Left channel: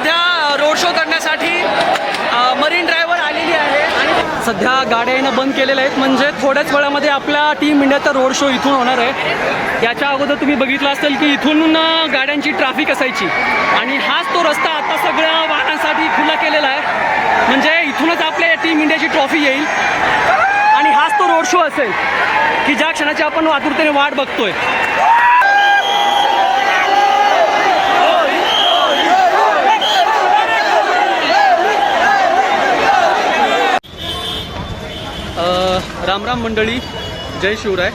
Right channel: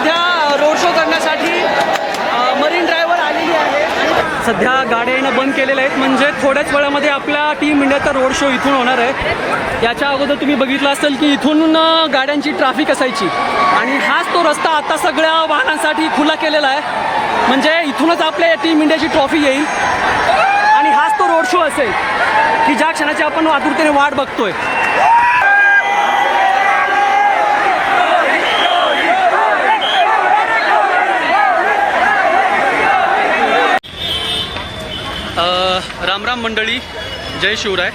सध्या road show करण्यासाठी marine ड्राईव्हवर आलेली आहे आणि सध्या गाड्या येणं बंद केलेल्या आहेत, म्हणजे थोड्याच वेळामध्ये आपला टीम इंडियाचा रोड शो इथून होणार आहे। याच्या अगोदर तुम्ही बघितलं असेल की इथून गाड्यांची ट्रॅफिक असायची आणि हाच तो रस्ता आता सगळ्या वाहनांसाठी खुला केलेला आहे, म्हणजे इथूनच आपल्या टीम इंडियाची ट्रॉफी येईल आणि हाच तो रोड शो असेल की ज्या क्षणाची आपण आतुरतेने वाट बघतोय। राम राम मंडळी, जय शिवराय।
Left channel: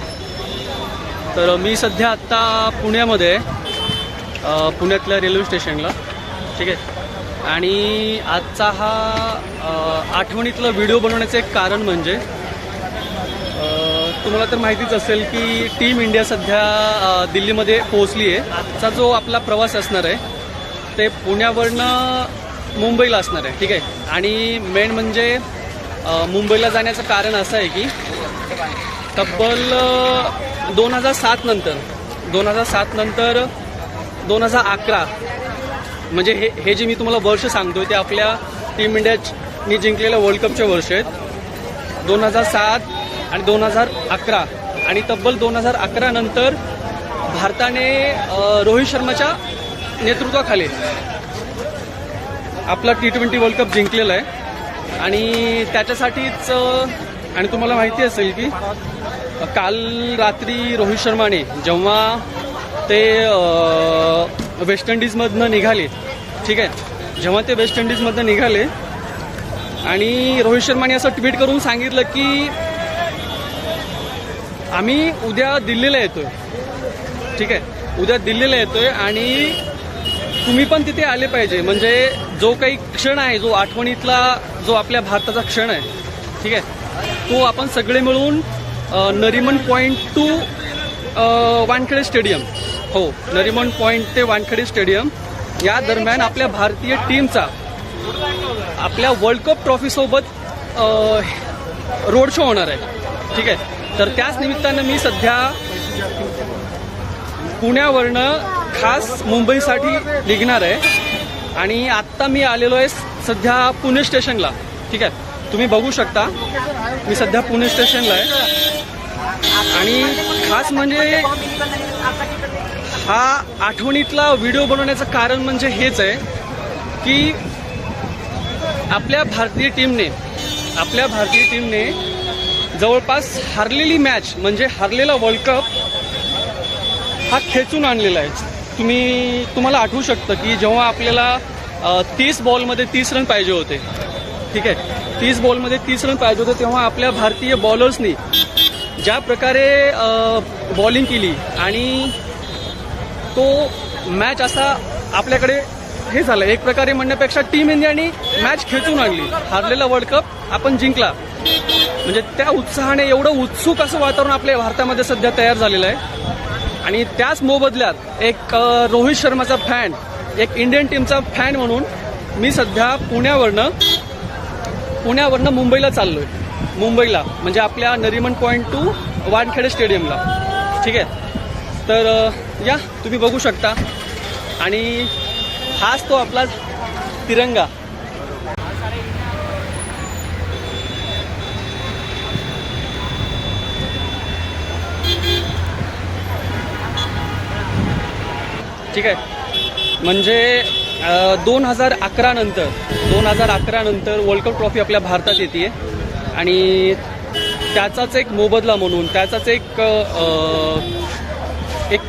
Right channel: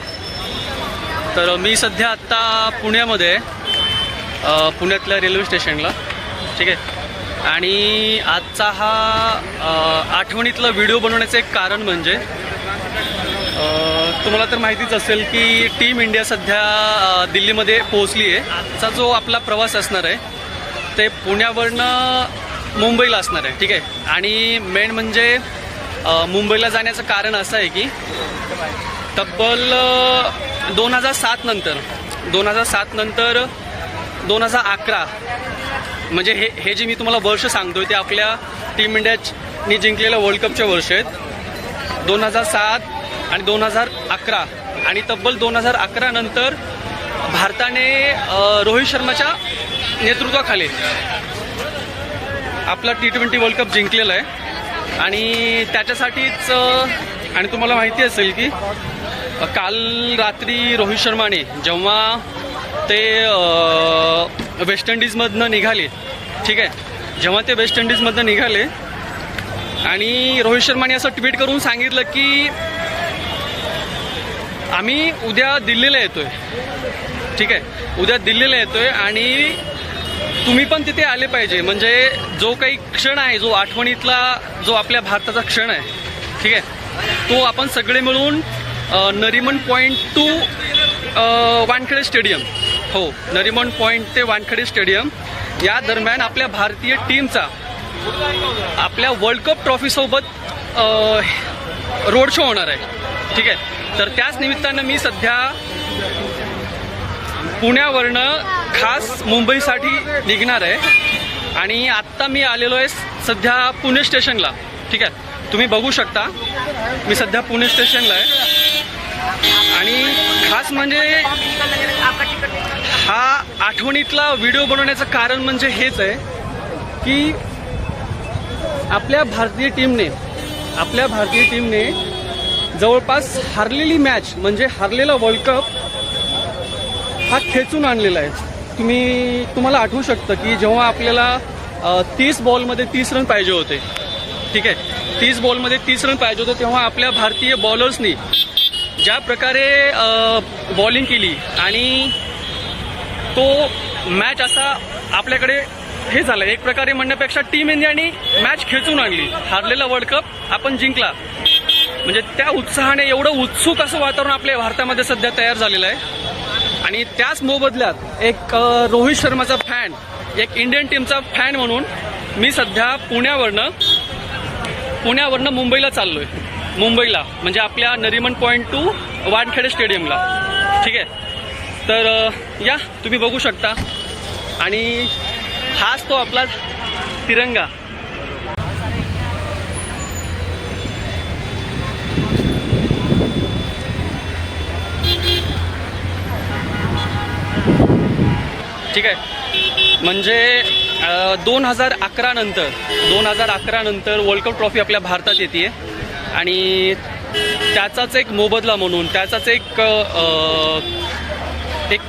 तर मी सध्या आत्ता पुण्यामध्ये आहे, पुण्यातल्या रेल्वे स्टेशनला, ठीक आहे। आणि आजचा हा आठवणीतला व्हिडिओ बनवण्याचं एक कारण म्हणजे तुम्हाला तर माहितीच असेल की टीम इंडिया सध्या दिल्लीमध्ये पोहोचली आहे। आजचा जो आपला प्रवास असणार आहे ते पुण्यावरनं मुंबईला असणार आहे, ठीक आहे। आणि मेन म्हणजे मुंबईला जाण्याचं कारण असं आहे की तब्बल 2007 नंतर 2011 म्हणजे हे जे मी तुम्हाला वर्ष सांगतोय ते आपल्या टीम इंडियाने जिंकलेल्या वर्ल्ड कपचे वर्ष आहेत। 2007 आणि 2011 आणि तब्बल 2011 नंतर भारताने रोहित शर्माच्या नेतृत्वाखाली आपला T20 वर्ल्ड कप जिंकलेला आहे। आणि त्याच्यासाठीच आणि तुम्हाला माहिती असेल की काल रात्री रोहित शर्माने जेव्हा ते वेस्ट इंडिजमधनं निघाले, ठीक आहे, जेव्हा ते वेस्ट इंडिजमधनं निघाले आणि रोहित शर्माने असं ट्विट करून सांगितलं की आम्ही उद्या दिल्लीला येतोय, ठीक आहे, उद्या दिल्लीला येतोय आणि तुम्ही पण तिथे आले पाहिजे। म्हणजे जो काही क्षण आहे, जो आठवणीतला जो आपल्या भारताचा क्षण आहे, ठीक आहे, तो आपण सगळे मिळून Nariman point two Wankhede stadium, हो, नरिमन पॉईंट ते वानखेडे स्टेडियम या दरम्यान आपल्या भारतीय टीमचा आपल्या वर्ल्ड कप ट्रॉफीसोबत रोड शो होणार आहे, ठीक आहे। तर त्याच निमित्तानं मी सध्या पुण्यावरनं खास मुंबईसाठी निघणार आहे आणि आत्ता मी आलेलो आहे सध्या पुणे स्टेशनला, ठीक आहे। तुम्ही बघू शकता मी सध्या पुणे स्टेशनला आहे आणि खास म्हणजे हा आठवणीतला व्हिडिओ बनवण्याचं कारण म्हणजे हेच आहे की आपल्या भारतीय टीमने जवळपास हारलेली मॅच म्हणजे हारलेला वर्ल्ड कप हा खेचून आणलेला आहे। तुम्हाला आठवू शकतं की जेव्हा आपल्याला 30 बॉलमध्ये 30 रन पाहिजे होते, ठीक आहे, 30 बॉलमध्ये 30 रन पाहिजे होते, तेव्हा आपल्या भारतीय बॉलर्सनी ज्या प्रकारे बॉलिंग केली आणि तो मॅच असा आपल्याकडे हे झालं, एक प्रकारे म्हणण्यापेक्षा टीम इंडियाने मॅच खेचून आणली, हारलेला वर्ल्ड कप आपण जिंकला। म्हणजे त्या उत्साहाने एवढं उत्सुक असं वातावरण आपल्या भारतामध्ये सध्या तयार झालेलं आहे आणि त्याच मोबदल्यात एक रोहित शर्माचा फॅन, एक इंडियन टीमचा फॅन म्हणून मी सध्या पुण्यावरनं मुंबईला चाललोय, मुंबईला म्हणजे आपल्या नरिमन पॉईंट टू वानखेडे स्टेडियमला, ठीक आहे। तर या तुम्ही बघू शकता आणि हाच तो आपला तिरंगा, ठीक आहे। म्हणजे 2011 नंतर वर्ल्ड कप ट्रॉफी आपल्या भारतात येते आणि त्याचाच एक मोबदला म्हणून, त्याचाच एक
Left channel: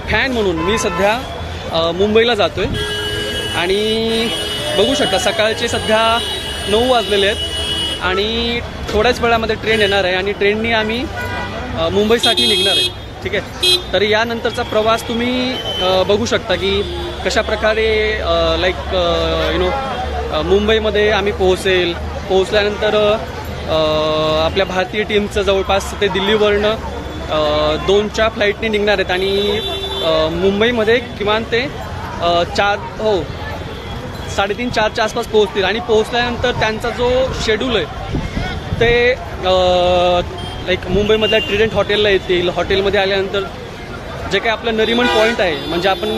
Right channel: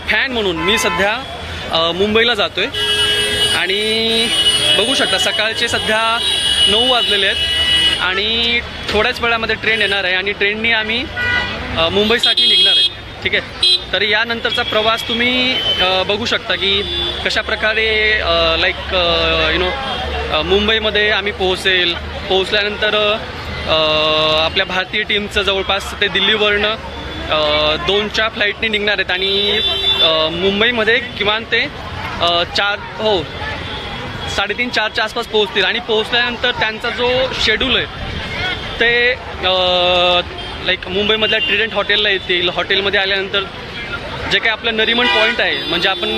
फॅन म्हणून मी सध्या मुंबईला जातोय आणि बघू शकता सकाळचे सध्या 9 वाजलेले आहेत आणि थोड्याच वेळामध्ये ट्रेन येणार आहे आणि ट्रेननी आम्ही मुंबईसाठी निघणार आहे, ठीक आहे। तर यानंतरचा प्रवास तुम्ही बघू शकता की कशा प्रकारे मुंबईमध्ये आम्ही पोहोचल्यानंतर आपल्या भारतीय टीमचं जवळपास ते दिल्लीवरनं 2च्या फ्लाईटने निघणार आहेत आणि मुंबईमध्ये किमान ते 3:30-4च्या आसपास पोहोचतील आणि पोहोचल्यानंतर त्यांचा जो शेड्यूल आहे ते मुंबईमधल्या ट्रिडंट हॉटेलला येतील। हॉटेलमध्ये आल्यानंतर जे काही आपलं नरिमन पॉईंट आहे म्हणजे आपण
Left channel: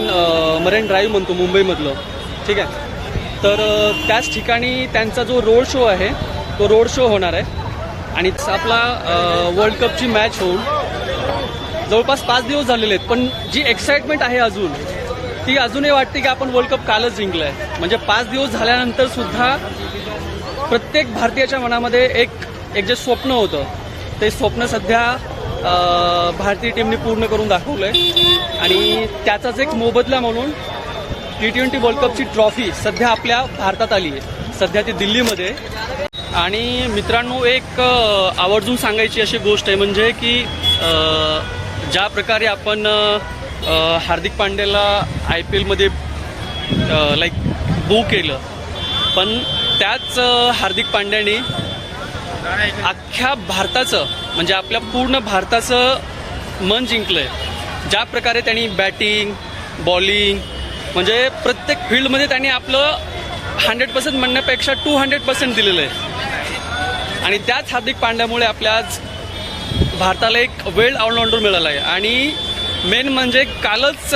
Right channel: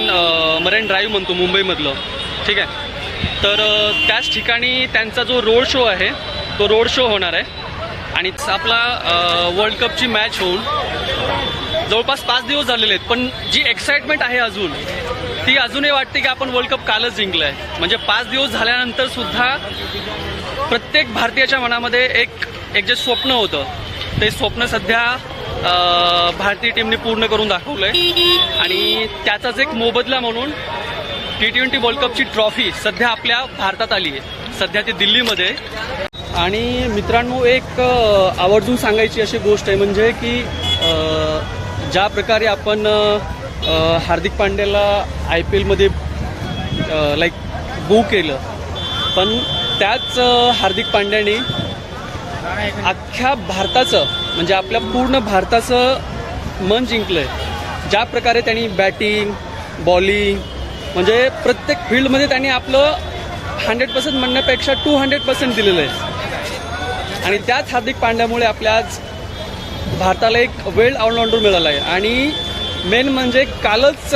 मरीन ड्राईव्ह म्हणतो मुंबईमधलं, ठीक आहे, तर त्याच ठिकाणी त्यांचा जो रोड शो आहे तो रोड शो होणार आहे. आणि आपला वर्ल्ड कपची मॅच होऊन जवळपास 5 दिवस झालेले आहेत, पण जी एक्साइटमेंट आहे अजून ती अजूनही वाटते की आपण वर्ल्ड कप कालच जिंकलं आहे. म्हणजे 5 दिवस झाल्यानंतर सुद्धा प्रत्येक भारतीयाच्या मनामध्ये एक जे स्वप्न होतं ते स्वप्न सध्या भारतीय टीमने पूर्ण करून दाखवलं आहे. आणि त्याचाच एक मोबदला म्हणून T20 वर्ल्ड कपची ट्रॉफी सध्या आपल्या भारतात आली आहे. सध्या ती दिल्लीमध्ये. आणि मित्रांनो, एक आवर्जून सांगायची अशी गोष्ट आहे म्हणजे की ज्या प्रकारे आपण हार्दिक पांड्याला IPL मध्ये बू केलं, पण त्याच हार्दिक पांड्याने अख्ख्या भारताचं म्हणजे आपल्या पूर्ण भारताचं मन जिंकलं आहे. ज्या प्रकारे त्यांनी बॅटिंग बॉलिंग म्हणजे प्रत्येक फील्डमध्ये त्यांनी आपलं 100% म्हणण्यापेक्षा 200% दिलेलं आहे. आणि त्याच हार्दिक पांड्यामुळे आपल्या आज भारताला एक वेल ऑलराऊंडर मिळाला आहे. आणि मेन म्हणजे कालच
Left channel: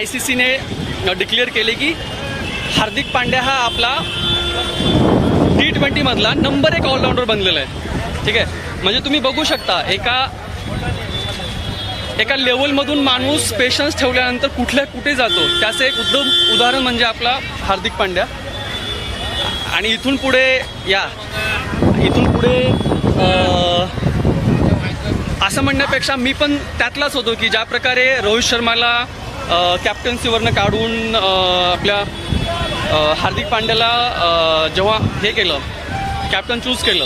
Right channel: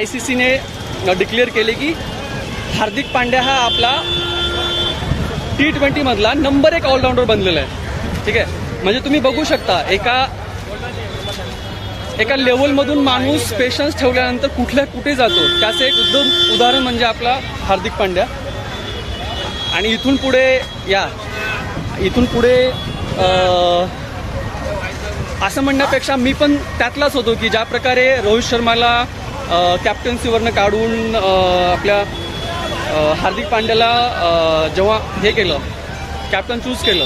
ICCने डिक्लेअर केले की हार्दिक पांड्या हा आपला T20 मधला नंबर 1 ऑलराऊंडर बनलेला आहे. ठीक आहे, म्हणजे तुम्ही बघू शकता एका लेवलमधून माणूस पेशन्स ठेवल्यानंतर कुठे जातो, त्याचं एक उत्तम उदाहरण म्हणजे आपला हार्दिक पांड्या. आणि इथून पुढे असं म्हणण्यापेक्षा मी पण त्यातलाच होतो की ज्या प्रकारे रोहित शर्माला कॅप्टन्सीवरनं काढून आपल्या हार्दिक पांड्याला जेव्हा हे केलं, कॅप्टन चूज केलं,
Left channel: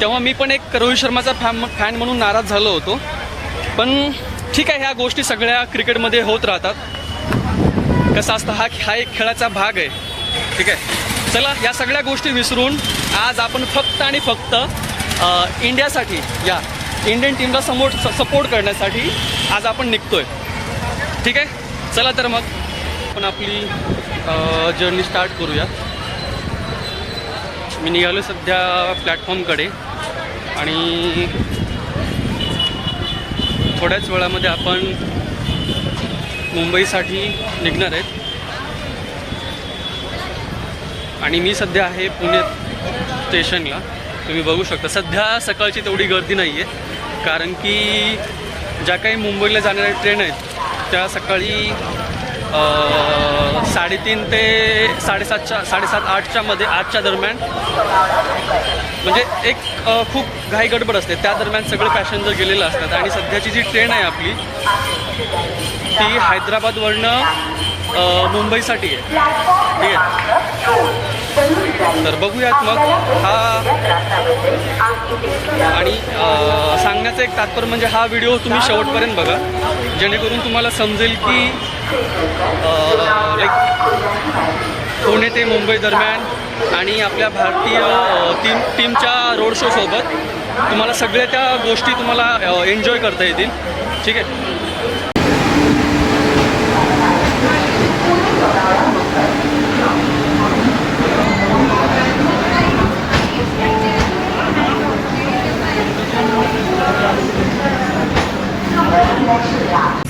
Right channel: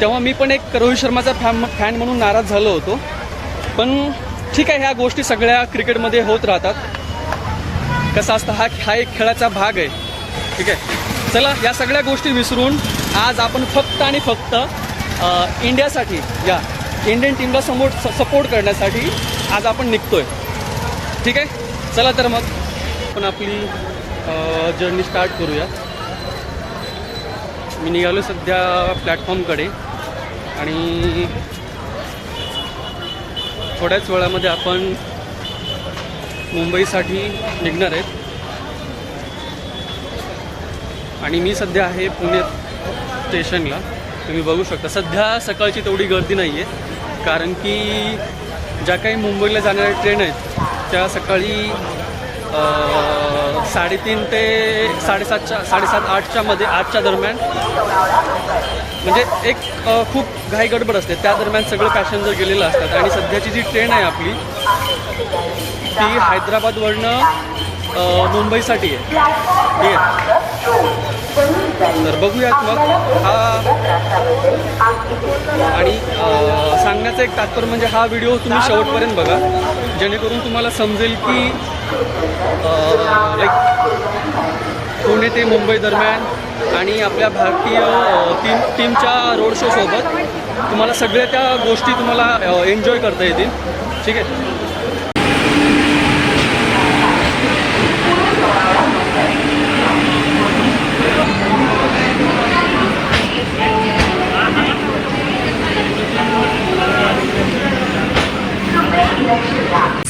तेव्हा मी पण एक रोहित शर्माचा फॅन म्हणून नाराज झालो होतो. पण ठीक आहे, ह्या गोष्टी सगळ्या क्रिकेटमध्ये होत राहतात. कसं असतं, हा एक खेळाचा भाग आहे. ठीक आहे, चला या सगळ्या गोष्टी विसरून आज आपण फक्त आणि फक्त इंडियासाठी, या इंडियन टीमला सपोर्ट करण्यासाठी आज आपण निघतोय. ठीक आहे, चला तर मग आपण आपली जर्नी स्टार्ट करूया. मी निघालो सध्या प्लॅटफॉर्मकडे आणि थोड्याच वेळामध्ये आपण मुंबईसाठी निघणार आहेत. आणि मी सध्या आहे पुणे स्टेशनला. तुम्ही बघू शकता सध्या सकाळची तेवढी गर्दी नाही आहे, कारण की ज्या काही मुंबईला जाणाऱ्या ट्रेन आहेत त्या सकाळी 3:30 ते 7:30-8च्या मध्ये, 8च्या दरम्यान, म्हणजे एक खूप घाई गडबड असते. त्या दरम्यान सगळे पॅसेंजर गेलेले असतात. आणि सध्याची जी ट्रेन आहे आपली ती हैदराबादवरनं मुंबईसाठी आहे. ठीक आहे, तर बघूयात मग आणि सांगण्याचं एक तात्पर्य म्हणजे हा व्हिडिओ तुम्ही शेवटपर्यंत बघा, जेणेकरून तुम्हाला समजेल की पुणे ते मुंबई दरम्यान आणि आपल्या भारतीय टीमच्या रोड शो सोबत तुम्हाला सगळ्या त्या गोष्टी तुम्हाला एन्जॉय करता येतील. ठीक आहे,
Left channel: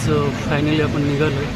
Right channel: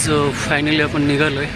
सो फायनली आपण निघालोय.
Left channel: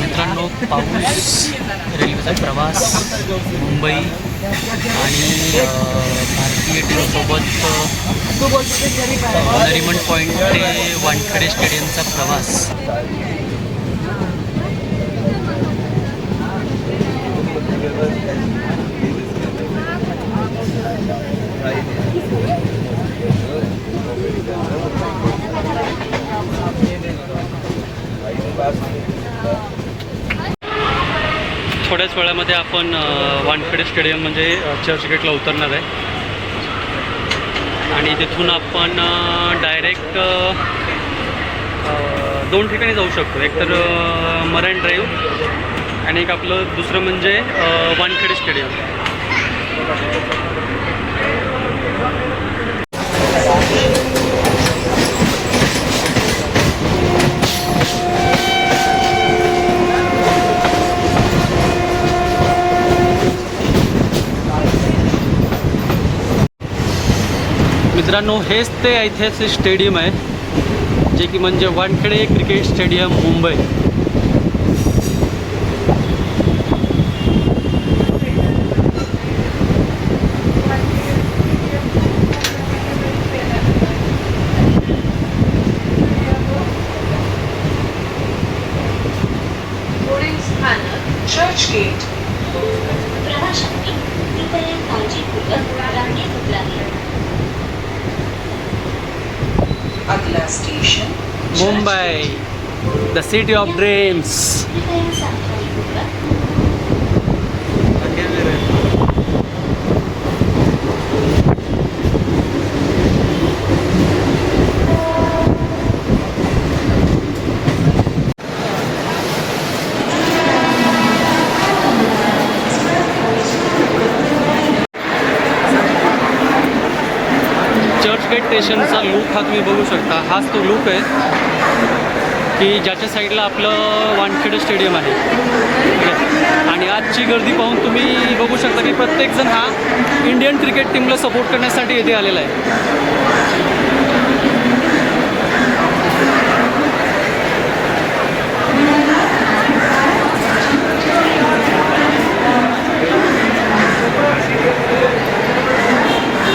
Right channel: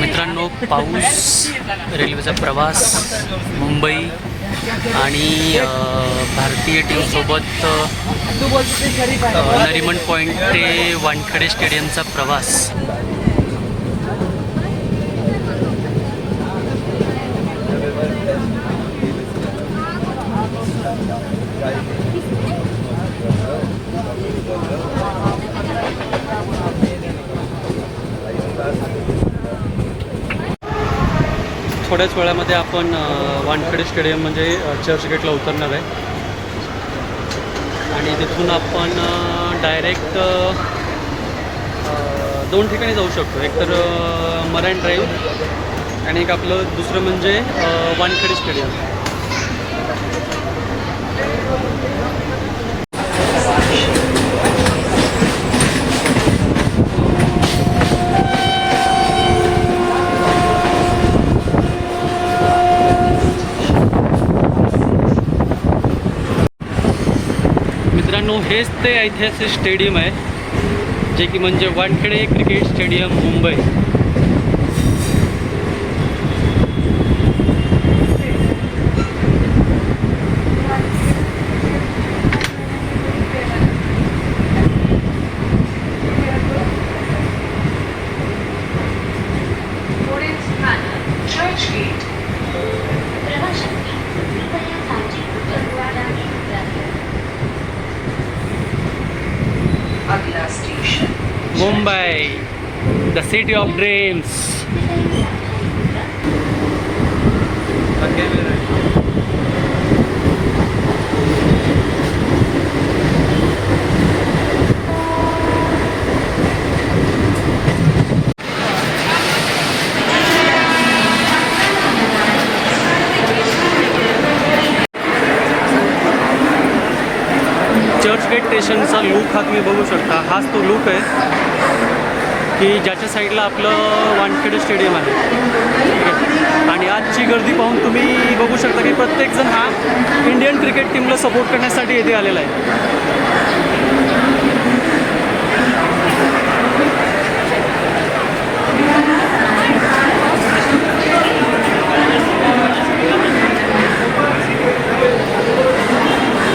मित्रांनो, पाऊस, रेल्वेचा प्रवास, मुंबई आणि भारतीय टीमसोबत नरिमन पॉईंट ते वानखेडे स्टेडियमचा प्रवास. थोड्याच वेळामध्ये आपण वानखेडे स्टेडियम म्हणजे चर्चगेटला उतरणार आहे आणि तिथून आपण डायरेक्ट दोन ठिकाणी जाऊ शकतो. एक तर मराइन ड्राईव्ह आणि एक आपलं दुसरं म्हणजे वानखेडे स्टेडियम. मित्रांनो, हेच ते ऐतिहासिक स्टेडियम आहे जे की म्हणजे Wankhede cricket stadium Mumbai. Churchgate. प्रवाशांनी कृपया काळजीपूर्वक लांबी उतरावी. अगला station Mumbai, the city of dreams. Churchgate स्टेशनचा लुक हा तुम्ही बघू शकता. हाच तो लुक आहे की ज्याच्या साईडला आपलं वानखेडे स्टेडियम आहे. ठीक आहे. आणि आजची गर्दी पाहून तुम्ही बघू शकता की प्रत्येकजण हा इंडियन क्रिकेट टीमला सपोर्ट करण्यासाठी येथे आलेला आहे.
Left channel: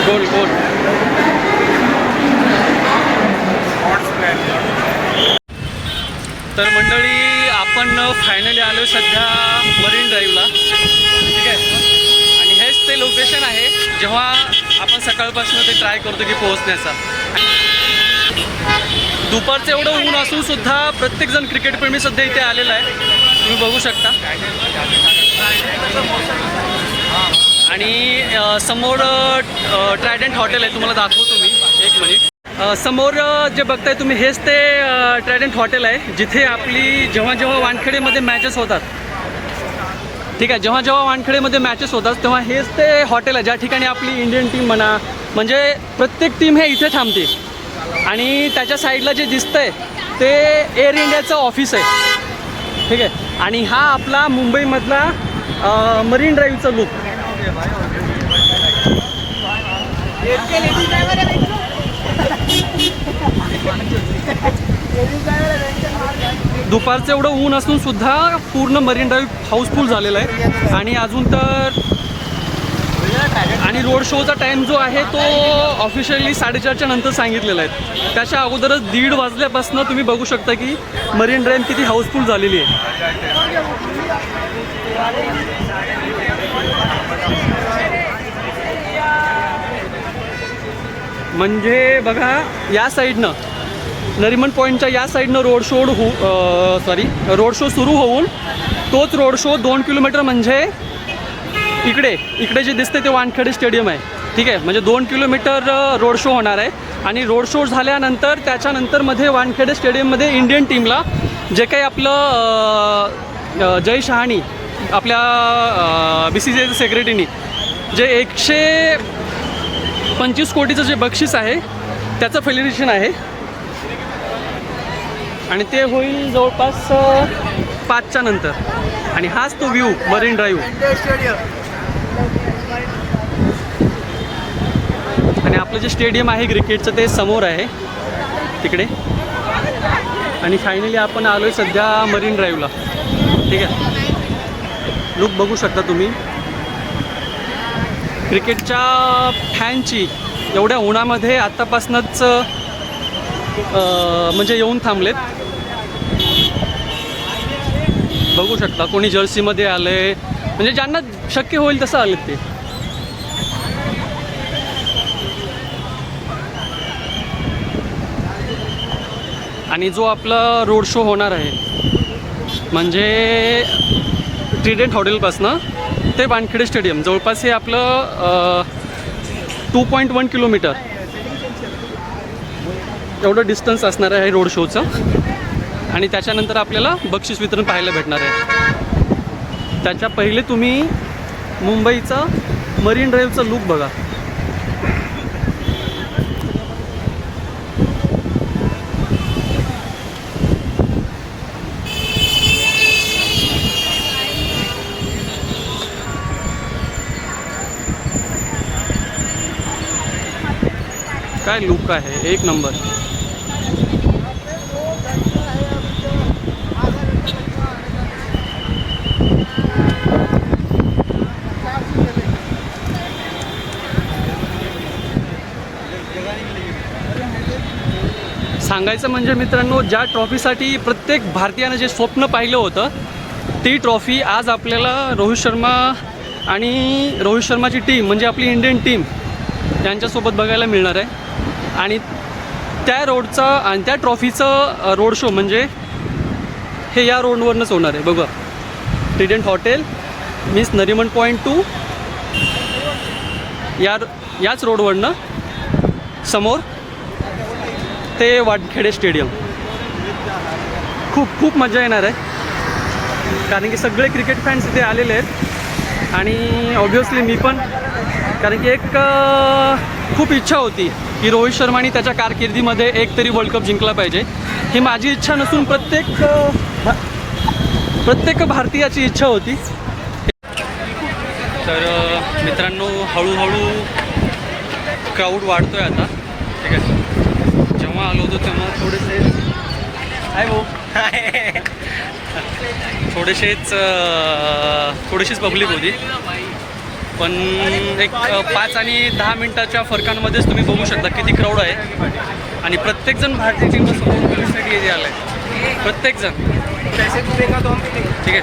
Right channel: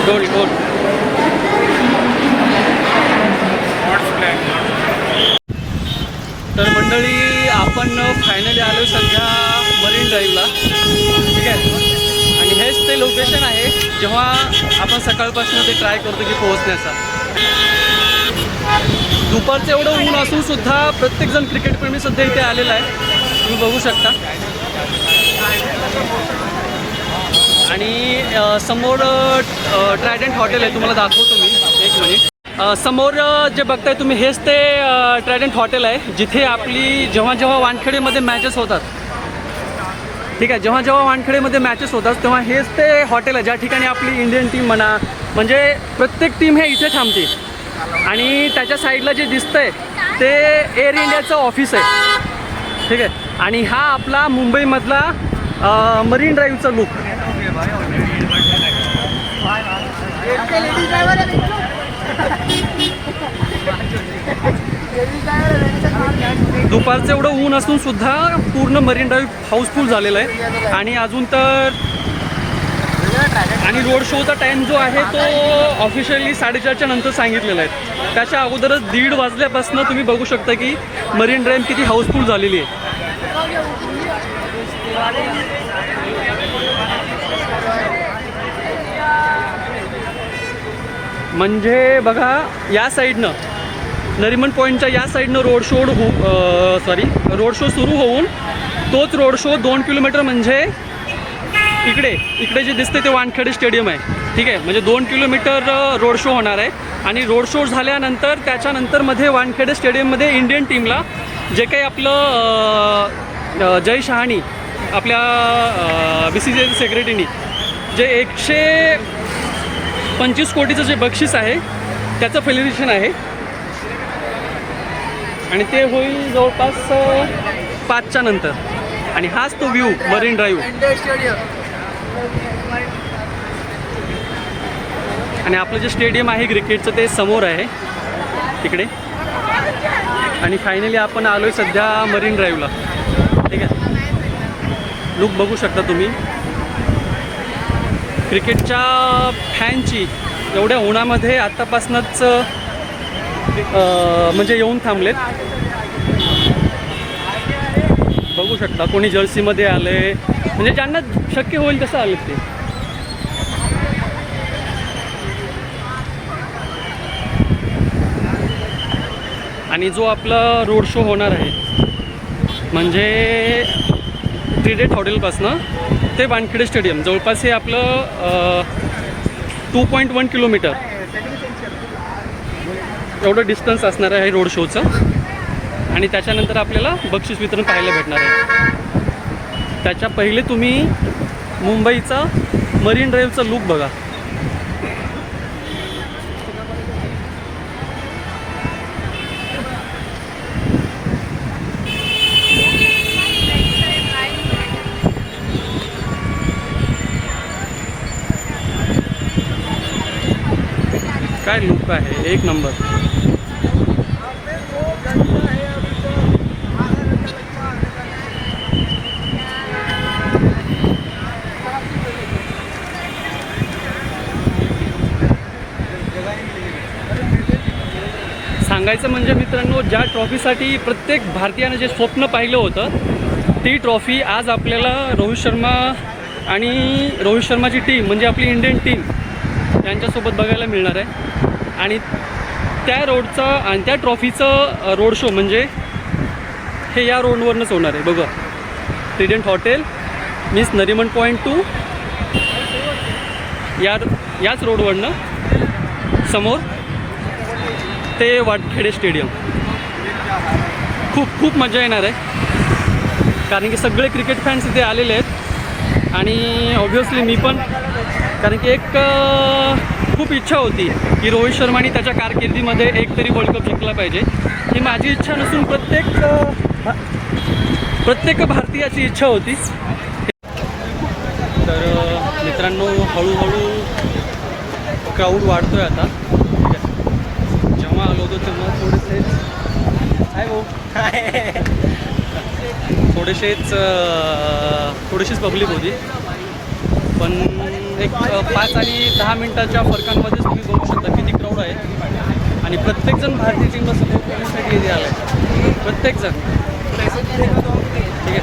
गोल गोल. तर मंडळी, आपण फायनली आलो सध्या मरीन ड्राईव्हला. ठीक आहे. आणि हेच ते लोकेशन आहे जेव्हा आपण सकाळपासून ते ट्राय करतो की पोहोचण्याचा. दुपारचं एवढं ऊन असून सुद्धा प्रत्येकजण क्रिकेटप्रेमी सध्या इथे आलेला आहे, तुम्ही बघू शकता. आणि समोर ट्रायडंट हॉटेल आहे, तुम्हाला दाखवतो मी एक मिनिट. समोर जे बघताय तुम्ही हेच ते ट्रायडंट हॉटेल आहे जिथे आपली जेव्हा जेव्हा वानखेडेमध्ये मॅचेस होतात. ठीक आहे. जेव्हा जेव्हा वानखेडेमध्ये मॅचेस होतात तेव्हा हेच ते हॉटेल आहे ज्या ठिकाणी आपली इंडियन टीम म्हणा, म्हणजे प्रत्येक टीम हे इथे थांबते. आणि त्याच्या साईडला जे दिसतंय ते एअर इंडियाचं ऑफिस आहे. ठीक आहे. आणि हा आपला मुंबईमधला मरीन ड्राईव्हचा लुक. दुपारचं एवढं ऊन असून सुद्धा पूर्ण मरीन ड्राईव्ह हाऊसफुल झालेला आहे. आणि अजून तर आणि रोड शोचा टाईम जो आहे तो ऑफिशियली 4:30च्या नंतर सांगितलेला आहे. त्याच्या अगोदरच 1:30 वाजल्यापासून तुम्ही बघू शकता की मरीन ड्राईव्ह किती हाऊसफुल झालेली आहे. म्हणजे बघा, या साईडनं नरिमन पॉईंटच्या या साईडनं रोड शो सुरू होऊन तोच रोड शो 2 किलोमीटर म्हणजे इकडे जे दिसते ते वानखेडे स्टेडियम आहे. ठीक आहे. म्हणजे 2 किलोमीटर रोड शो होणार आहे. आणि रोड शो झाल्यानंतर त्याच्यानंतर मध्ये वानखेडे स्टेडियममध्ये इंडियन टीमला जे काही आपलं जय शहानी आपल्या BCCI सेक्रेटरीनी जे 125 कोटीचं जे बक्षीस आहे त्याचं सेलिब्रेशन आहे. आणि ते होईल जवळपास 5च्या नंतर. आणि हाच तो व्ह्यू मरीन ड्राईव्ह. आणि आपलं जे स्टेडियम आहे क्रिकेटचं ते समोर आहे तिकडे. आणि फायनली आपण आलोय सध्या मरीन ड्राईव्हला. ठीक आहे. लुक बघू शकता तुम्ही. क्रिकेटच्या फॅनची एवढ्या उन्हामध्ये आत्तापासूनच म्हणजे येऊन थांबलेत. बघू शकता कोणी जर्सीमध्ये आले, म्हणजे ज्यांना शक्य होईल तसं आलेत ते. आणि जो आपला रोड शो होणार आहे म्हणजे ट्रायडंट हॉटेलपासनं ते वानखेडे स्टेडियम जवळपास हे आपलं 2.1 किलोमीटर एवढं डिस्टन्स असणार आहे रोड शोचं. आणि त्याच्यानंतर आपल्याला बक्षीस वितरण पाहायला भेटणार आहे. त्याच्या पहिले तुम्ही मुंबईचा मरीन ड्राईव्हचा लुक बघा. काय लुक आहे, एक नंबर. सांगायचं म्हणजे मित्रांनो, ज्या ट्रॉफीसाठी प्रत्येक भारतीयानं जे स्वप्न पाहिलं होतं, ती ट्रॉफी आज आपल्याला रोहित शर्मा आणि रोहित शर्माची टीम म्हणजे आपली इंडियन टीम यांच्यासोबत बघायला मिळणार आहे. आणि त्या रोडचा आणि त्या ट्रॉफीचं रोड शो म्हणजे हे या रोडवरनंच होणार आहे. बघा, Trident hotel means Nariman point two याच रोडवरनं समोर ते वानखेडे स्टेडियम. खूप मजा येणार आहे, कारण की सगळे क्रिकेट फॅन्स इथे आलेले आहेत. आणि ऑब्व्हियसली मी पण, कारण की एक खूप इच्छा होती की रोहित शर्माने त्याच्या कारकिर्दीमध्ये एक तरी वर्ल्ड कप जिंकला पाहिजे. ही माझी इच्छा नसून प्रत्येक भारतीयाची इच्छा होती. तर मित्रांनो, हळूहळू क्राऊड वाढतोय आता. ठीक आहे, जेव्हा आलो होतो तेव्हा थोडीशीच पब्लिक होती, पण एक 5 आणि 10 मिनटाच्या फरकांमध्येच तुम्ही बघू शकता किती क्राऊड आहे. आणि प्रत्येकजण भारतीय टीमला सपोर्ट करण्यासाठी इथे आला आहे, प्रत्येकजण. ठीक आहे,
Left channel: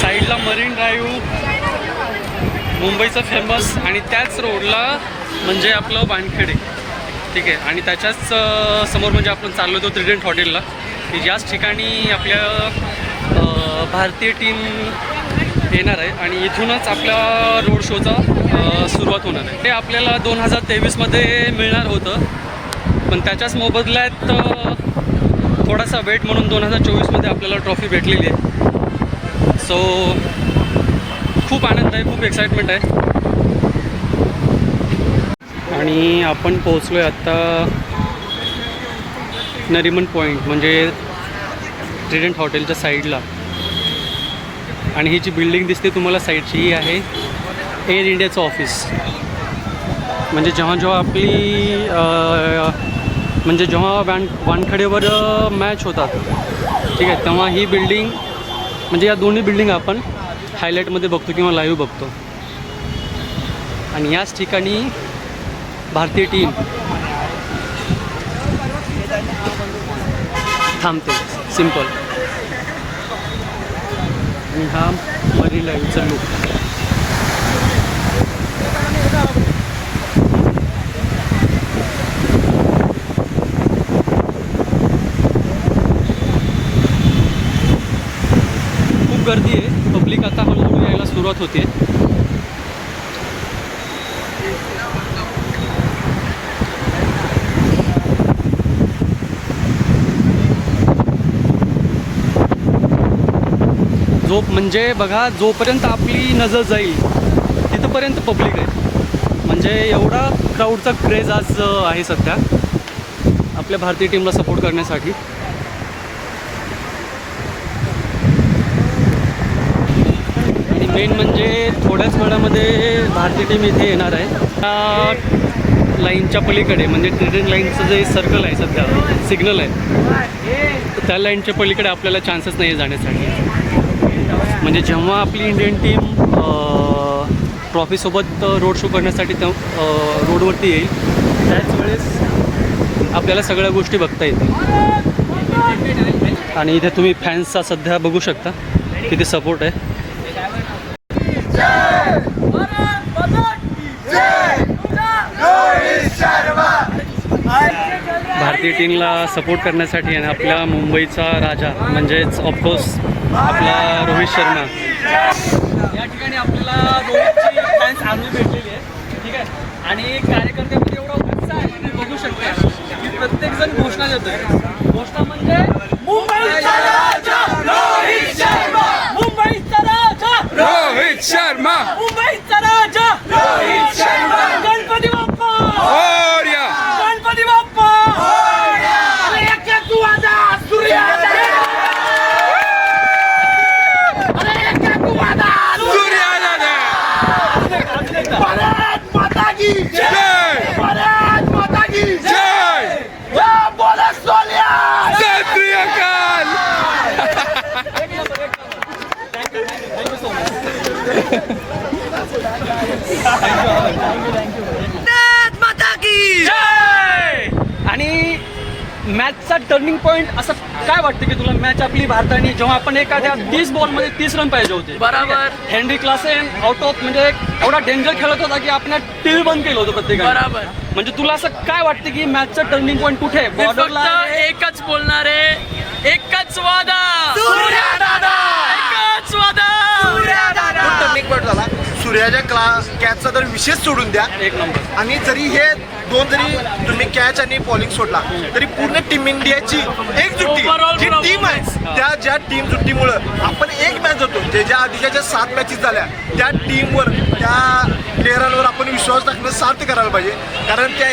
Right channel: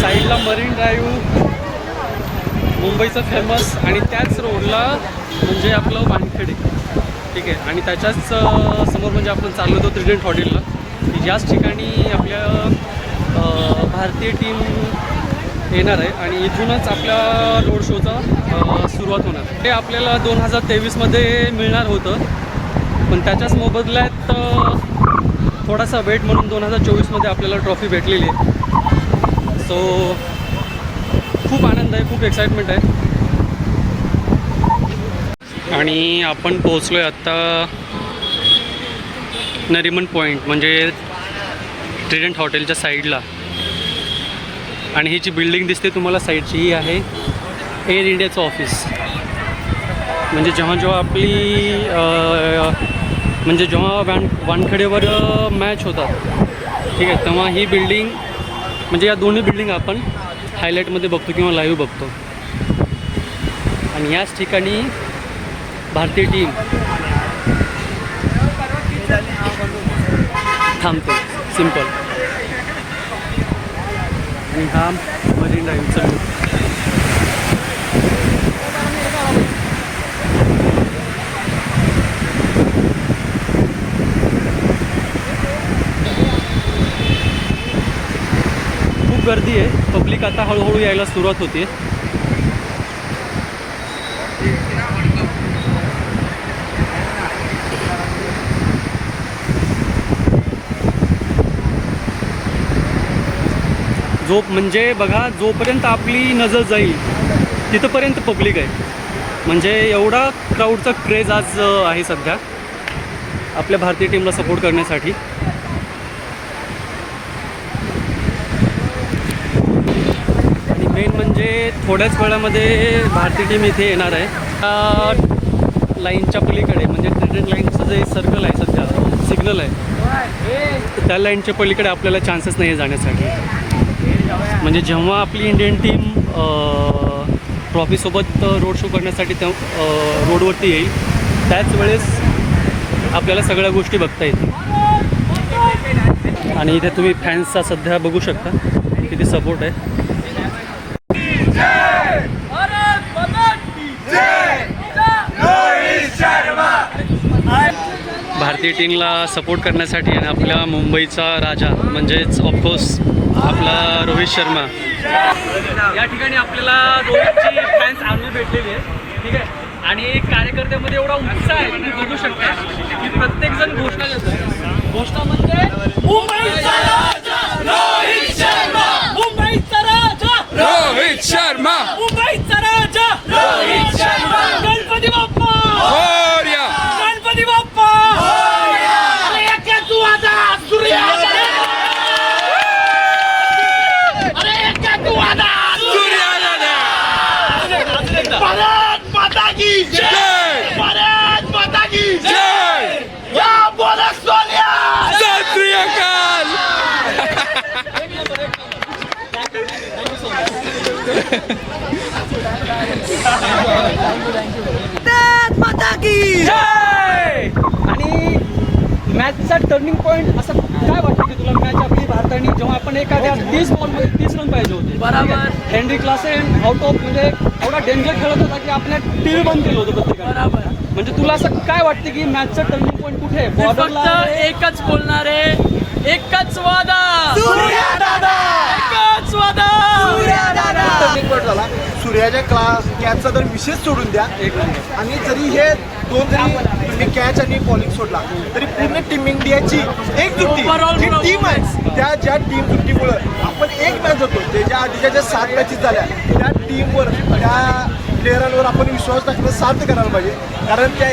साईडला मरीन ड्राईव्ह मुंबईचं फेमस, आणि त्याच रोडला म्हणजे आपलं वानखेडे. ठीक आहे, आणि त्याच्याच समोर म्हणजे आपण चाललो होतो ट्रिडेंट हॉटेलला, की याच ठिकाणी आपल्या भारतीय टीम येणार आहे. आणि इथूनच आपल्या रोड शोचा सुरुवात होणार आहे. ते आपल्याला 2023मध्ये मिळणार होतं, पण त्याच्याच मोबदल्यात थोडासा वेट म्हणून 2024मध्ये आपल्याला ट्रॉफी भेटलेली आहे. सो खूप आनंद आहे, खूप एक्साइटमेंट आहे. आणि आपण पोहोचलो आहे आत्ता नरिमन पॉईंट म्हणजे ट्रिडेंट हॉटेलच्या साईडला. आणि ही जी बिल्डिंग दिसते तुम्हाला साईडची, ही आहे एअर इंडियाचं ऑफिस. म्हणजे जेव्हा आपली जेव्हा वानखेडेवर मॅच होतात, ठीक आहे, तेव्हा ही बिल्डिंग म्हणजे या दोन्ही बिल्डिंग आपण हायलाईटमध्ये बघतो किंवा लाईव्ह बघतो. आणि याच ठिकाणी भारतीय टीम थांबते, सिम्पल. आणि हा मरीन ड्राईव्हचा लुक. खूप गर्दी आहे, पब्लिक आता हळूहळू यायला सुरुवात होते. म्हणजे बघा, जोपर्यंत आपली नजर जाईल तिथंपर्यंत पब्लिक आहे. म्हणजे एवढा क्राऊडचा क्रेज आज आहे सध्या आपल्या भारतीय टीमला सपोर्ट करण्यासाठी. आणि मेन म्हणजे थोड्याच वेळामध्ये भारतीय टीम इथे येणार आहे. त्या लाईनच्या पलीकडे म्हणजे ट्रिडेंट लाईनचं जे सर्कल आहे सध्या, सिग्नल आहे, तर त्या लाईनच्या पलीकडे आपल्याला चान्सेस नाही आहे जाण्यासाठी. म्हणजे जेव्हा आपली इंडियन टीम ट्रॉफीसोबत रोड शो करण्यासाठी त्या रोडवरती येईल, त्याच वेळेस आपल्याला सगळ्या गोष्टी बघता येतील. आणि इथे तुम्ही फॅन्सचा सध्या बघू शकता किती सपोर्ट आहे. भारतीय टीमला सपोर्ट करण्यासाठी आणि आपल्या मुंबईचा राजा म्हणजेच ऑफकोर्स आपला रोहित शर्मा या ठिकाणी आपल्याला रोहितची फॅन्स आर्मी भेटलेली आहे. ठीक आहे, आणि कार्यकर्त्यामध्ये एवढा उत्साह आहे तुम्ही बघू शकता. प्रत्येक जण घोषणा देतोय. घोषणा म्हणजे मुंबईचा राजा रोहित शर्मा, मुंबईचा राजा रोहित शर्मा, मुंबईचा राजा रोहित शर्मा, गणपती बाप्पा मोरया, गणपती बाप्पा अरे एका तू आता सूर्या अरे एका तू आता भारत माता की जय, भारत माता की जय, बोला Sonia. Sat Shri Akal. Thank you so much. माता की जय. आणि मॅचचा टर्निंग पॉइंट असं काय वाटतं की तुला मॅच आपली भारताने जेव्हा आपण एखाद्या 30 बॉलमध्ये 30 रन पाहिजे होते बरोबर. हेनरी क्लासेन आउट ऑफ म्हणजे एवढा डेंजर खेळत होता की आपण टीव्ही बंद केलं होतं प्रत्येकाने बरोबर. म्हणजे तुला असं काय वाटतं की मॅचचं टर्निंग पॉइंट कुठे आहे? बॉर्डरला एकच बोलणार आहे, एकच वादा, सूर्या दादा, एकच वादा, सूर्या दादा. टर्निंग पॉईंट झाला. सूर्याच्या कॅचचा तर विशेष सोडून द्या. एक नंबर. आणि जरी हे दोन जरी तुम्ही कॅच आणि बॉलिंग सोडला तरी पूर्ण टीम इंडियाची एकजुट्टी Overall जी टीम आहे त्या ज्या टीम जुट्टीमुळं आपण एक मॅच होतो. ज्याच्या आधीच्या ज्या 7 मॅचेस झाल्या त्या टीमवर त्या प्लेयरांवर आपण विश्वास टाकणं साध्य करायला पाहिजे. कारण त्या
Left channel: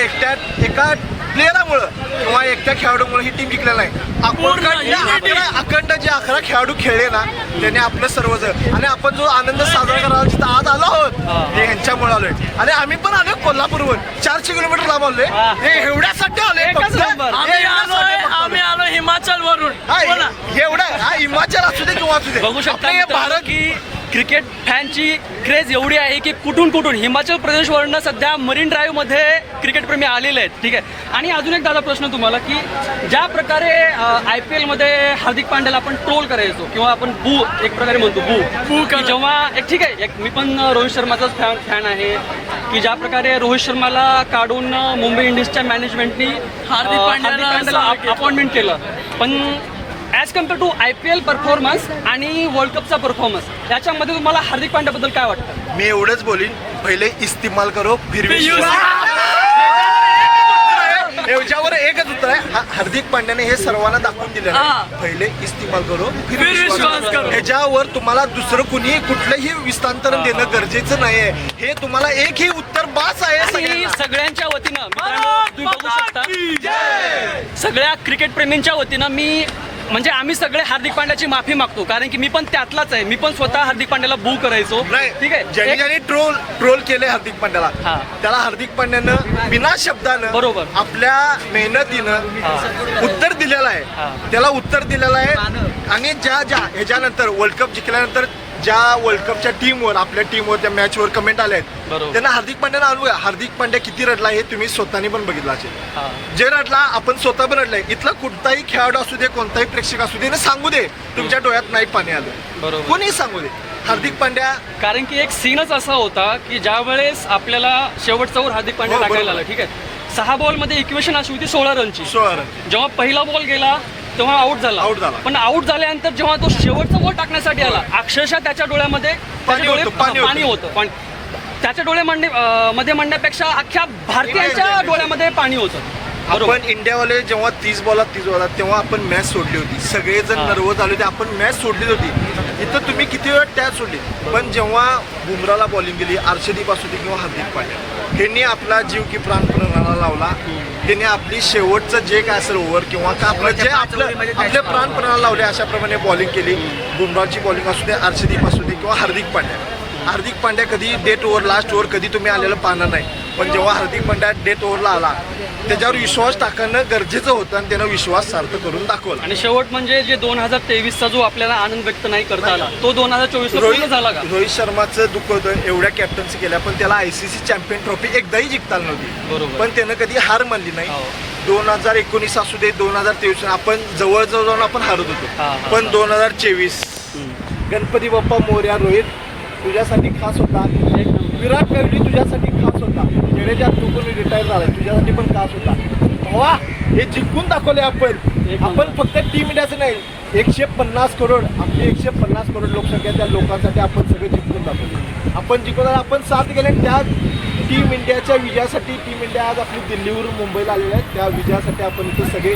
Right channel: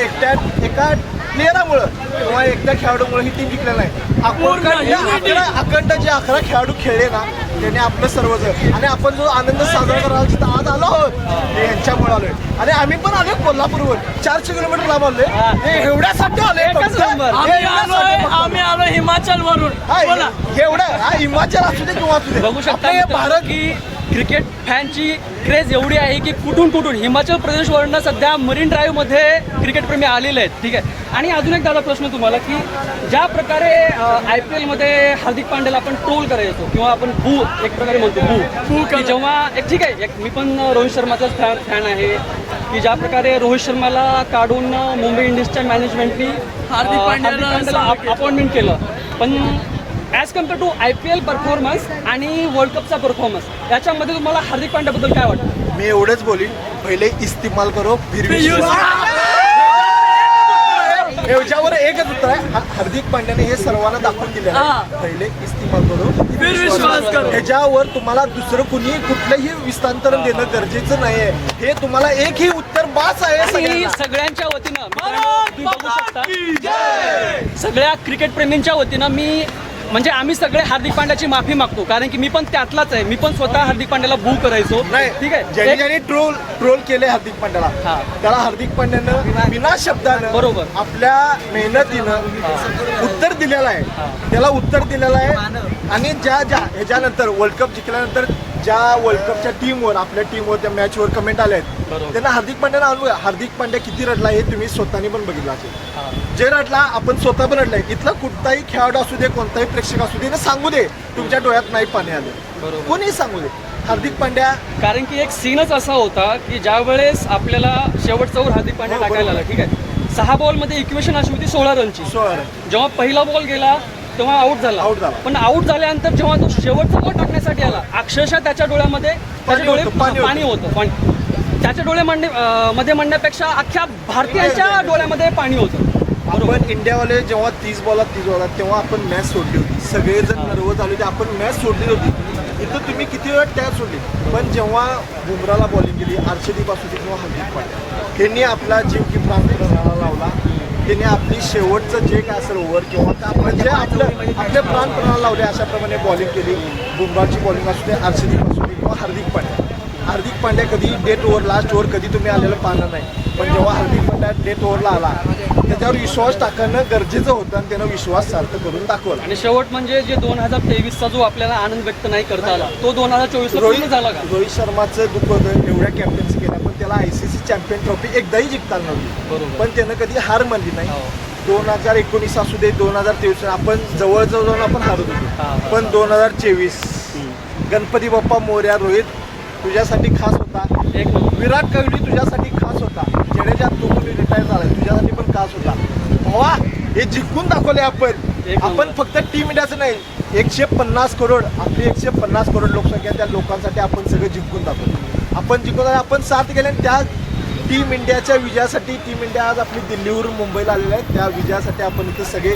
एका प्लेयरामुळं किंवा एकट्या खेळाडूमुळे ही टीम जिंकलेली नाही. अखंड जे 11 खेळाडू खेळले ना त्याने आपलं सर्वच आणि आपण जो आनंद साजरा करायला जिथं आज आलो आहोत हे ह्यांच्यामुळे आलोय. आणि आम्ही पण आलोय कोल्हापूरहून 400 किलोमीटर लांब आलोय. हे एवढ्यासाठी आलोय एकच फक्त. नंबर. आम्ही आलो हिमाचल वरून. बोला. एवढं हा हिमाचल असू दे किंवा असू दे बघू शकता आपलं हे मित्रांनो भारत की क्रिकेट फॅनची क्रेज एवढी आहे की कुठून हिमाचल प्रदेशवरनं सध्या मरीन ड्राईव्ह मध्ये क्रिकेट प्रेमी आलेले आहेत. ठीक आहे. आणि अजून एक दादा प्रश्न तुम्हाला की ज्या प्रकारे IPL मध्ये हार्दिक पांड्याला आपण ट्रोल करायचो किंवा आपण एक प्रकारे म्हणतो की जेव्हा ठीक आहे मी पण रोहित शर्माचाच फॅन आहे की ज्या प्रकारे रोहित शर्माला काढून मुंबई इंडियन्सच्या मॅनेजमेंटनी हार्दिक पांड्याला अपॉइंटमेंट केलं. पण as compare to IPL performance आणि वर्ल्ड कपचा परफॉर्मन्स याच्यामध्ये तुम्हाला हार्दिक पांड्याबद्दल काय वाटतं? मी एवढंच बोलीन पहिले इस्तेमाल करो फिर याच्यावर एकच उत्तर आहे. हार्दिक पांड्याने हे सर्वांना दाखवून दिलं आहे. पहिले इस्तेमाल करो फिर विश्वास करो. ह्याच्यावर तुम्हाला दुसरं कुणी कुठलंही विस्तांतरण देणं गरजेचं नाहीये. हे तुम्हाला एकही उत्तर बास आहे. आणि सगळ्यांच्या वतीनं मित्रांनो, तुम्ही बघू शकता सगळ्या क्रिकेट प्रेमींच्या वतीनं मी म्हणजे आम्ही सगळे हार्दिक पांड्याची माफी मागतो कारण की मी पण त्यातलाच आहे. मी पण स्वतः हार्दिक पांड्याला बू करायचो. ठीक आहे. ज्यांनी ट्रोल केले हार्दिक पांड्याला त्याला हार्दिक पांड्यानं बिना शब्दानं बरोबर आपल्या मेहनतीनं उत्तर दिलेलं आहे. त्याला उत्तर दिलेलं आहे. आणि ज्या ह्याच्यानंतर वर्ल्ड कप जिंकल्यानंतर ज्या वर्ल्ड कपच्या टीमवर आपल्या टीमवर त्या मॅचवर कमेंट आल्या आहेत त्यांना हार्दिक पांड्यानं आणूया. हार्दिक पांड्या किती रडला हे तुम्ही स्वतःने पण बघितलं असेल. जे रडला आपण स्वतः पण रडलाय. इथला कुठलाही खेळाडू असू दे कोणताही प्रेक्षक असू दे ना सांगू दे तुमच्या डोळ्यात नाही पाणी आलं. कोणी सांगू दे. हार्दिक पांड्या कारण की एक सीनच असा होता की ज्या वेळेस आपल्याला शेवटचा ओव्हर हार्दिक पांड्या टाकायला आला. ठीक आहे. 6 बॉलमध्ये इक्वेशन अशी होती 16 रनची. जेव्हा पहिला बॉल गेला तेव्हा आउट झाला. पण आउट झाल्यानंतर जेव्हा तो शेवटचा बॉल टाकण्यासाठी आला अक्षरशः त्याच्या डोळ्यामध्ये पाणी होतं. त्याच्या डोळ्यामध्ये म्हणण्यापेक्षा अख्ख्या भारतीयांच्या डोळ्यामध्ये पाणी होतं. आपण इंडियावाले जेव्हा 30 बॉलात तेव्हा आपण मॅच सोडली होती. सगळेजण नर्वस झाले होते. आपण मॅच सोडली होती. इथं तुम्ही किती वेळ टॅच सोडली. पण जेव्हा बुमराला बॉलिंग केली अर्शदीप असू दे किंवा हार्दिक पांड्या ह्यांनी आपला जीव की प्राण प्राणाला लावला. त्यांनी आपली शेवटचं जे काय असेल ओव्हर किंवा का आपलं जे आपले प्राण प्राणाला लावले अशाप्रमाणे बॉलिंग केली. बुमराची बॉलिंग असू दे अर्शदीप असू दे किंवा हार्दिक पांड्या कधी डेट ओव्हर लास्ट ओव्हर कधी तुम्ही आलेलं पाहणार नाही. पण जेव्हा हार्दिक पांड्या डेट ओव्हरला आला त्याच्यावर विश्वास टाकणं गरजेचं होतं आणि त्यानं विश्वास सार्थ करून दाखवला. आणि शेवट म्हणजे जे 2023चा जो आपल्याला आनंद व्यक्त नाही करता आला तो 2024 झाला का? रोहित शर्माचं दुःख होतं एवढ्या कॅप्टन्सी केल्या पण त्याला ICC चॅम्पियन ट्रॉफी एकदाही जिंकताना नव्हती. पण त्यानं कधी हार मानली नाही. 2019 असू दे 2023 आपण जवळजवळ जाऊन आपण हारत होतो. पण 2024 गणपती बाप्पा मोरया रोहित तुझ्यासाठी खास होता. विराट कोहली तुझ्यासाठी खास होता. जडेजा तू पण रिटायर झालाय तुझ्यासाठी पण खास होता. भावा हे जिंकून दाखवले आपण फक्त टीम इंडियाचं नाही 150 करोड आपली 150 करोड लोकसंख्या त्या लोकांसाठी आपण सगळे जिंकून दाखवले. आपण जिंकून आपण साथ गेले टीम इंडियाच्या विजयासाठी टीम इंडिया आज आपली दिल्लीवरून मुंबईला आलेले आहेत. त्या विजयासाठी आपण इथे सगळे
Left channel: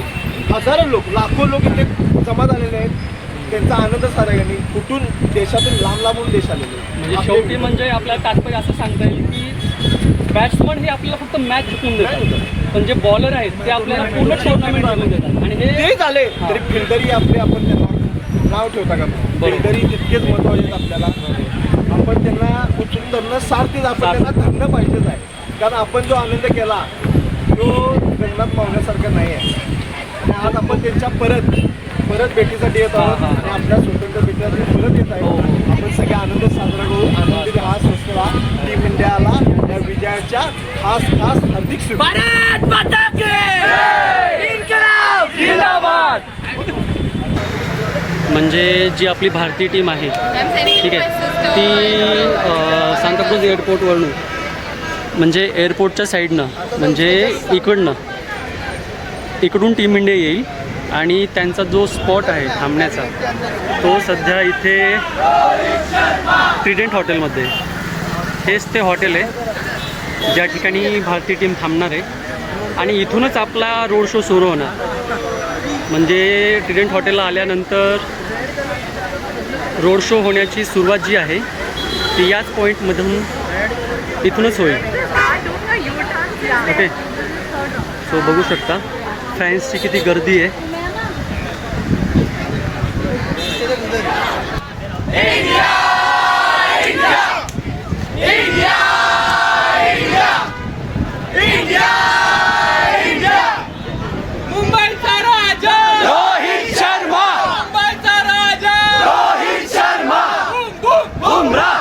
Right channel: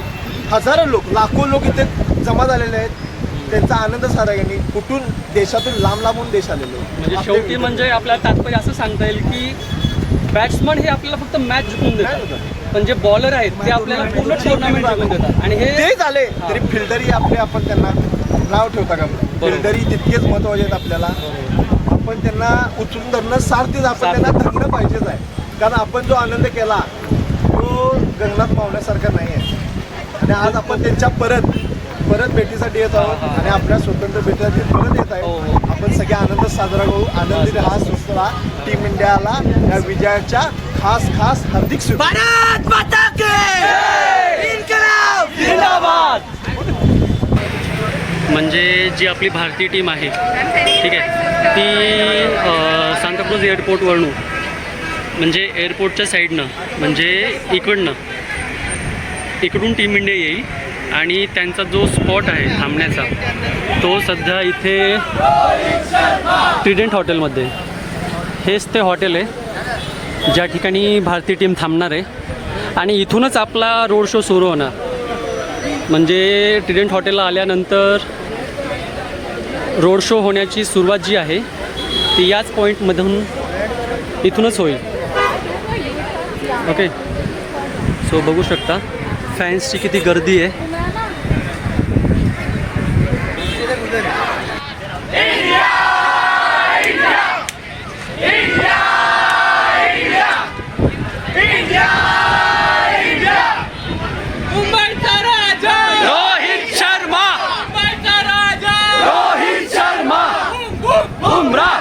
हजारो लोक लाखो लोक इथे जमा झालेले आहेत. त्यांचा आनंद सारा यांनी कुठून देशातून लांब लांबून देश आलेले आहेत. म्हणजे शेवटी म्हणजे आपल्याला तात्पर्य असं सांगता येईल की बॅट्समन हे आपल्याला फक्त मॅच जिंकून देतात, पण जे बॉलर आहेत ते आपल्याला पूर्ण टुर्नामेंट जिंकून देतात. आणि हे ते झाले तरी फिल्डरही आपले आपण त्यांना नाव ठेवता का? फिल्डरही तितकेच महत्वाचे आहेत आपल्याला. आपण त्यांना उचलून धरणं सारथीच आपण त्यांना धरणं पाहिजेच आहे. कारण आपण जो आनंद केला तो गगनात पावण्यासारखा नाही आहे. आणि आज आपण त्यांच्या परत भेटीसाठी येत आहोत आणि आपल्या स्वतंत्र भेटीसाठी परत येत आहे. आपण सगळे आनंद साजरा करू. आनंदी हा स्वस्त राहा. टीम इंडियाला या विजयाच्या खास हार्दिक शुभेच्छा. म्हणजे जी आपली भारतीय टीम आहे ठीक आहे ती सांताक्रूज एअरपोर्टवरून म्हणजे एअरपोर्टच्या साईडनं म्हणजे इकडून टीम इंडिया येईल आणि त्यांचा जो स्पॉट आहे थांबण्याचा तो सध्या इथे ट्रिडेंट हॉटेलमध्ये. हेच ते हॉटेल आहे ज्या ठिकाणी भारतीय टीम थांबणार आहे आणि इथूनच आपला रोड शो सुरू होणार. म्हणजे ट्रिडेंट हॉटेलला आल्यानंतर रोड शो होण्याची सुरुवात जी आहे ती याच पॉईंटमधून इथूनच होईल. ओके, सो बघू शकता फॅन्सची किती गर्दी आहे. मुंबईचा राजा रोहित शर्मा, मुंबईचा राजा रोहित शर्मा, बुमराह,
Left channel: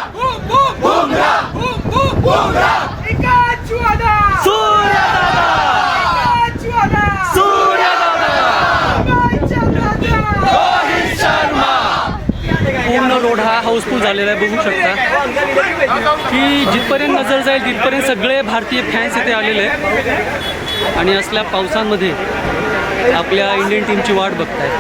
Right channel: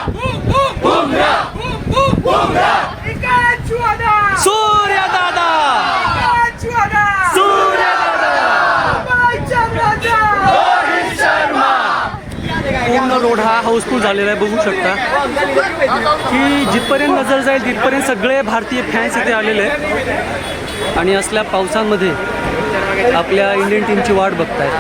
बुमराह, एकाच वादा सूर्यदादा, एकाच वादा सूर्यदादा, मुंबईचा राजा रोहित शर्मा. पूर्ण रोड हा हाऊसफुल झालेला आहे. बघू शकता की जिथपर्यंत नजर जाईल तिथपर्यंत सगळे भारतीय फॅन्स इथे आलेले आहेत आणि असल्या पावसामध्ये आपल्या इंडियन टीमची वाट बघतायत.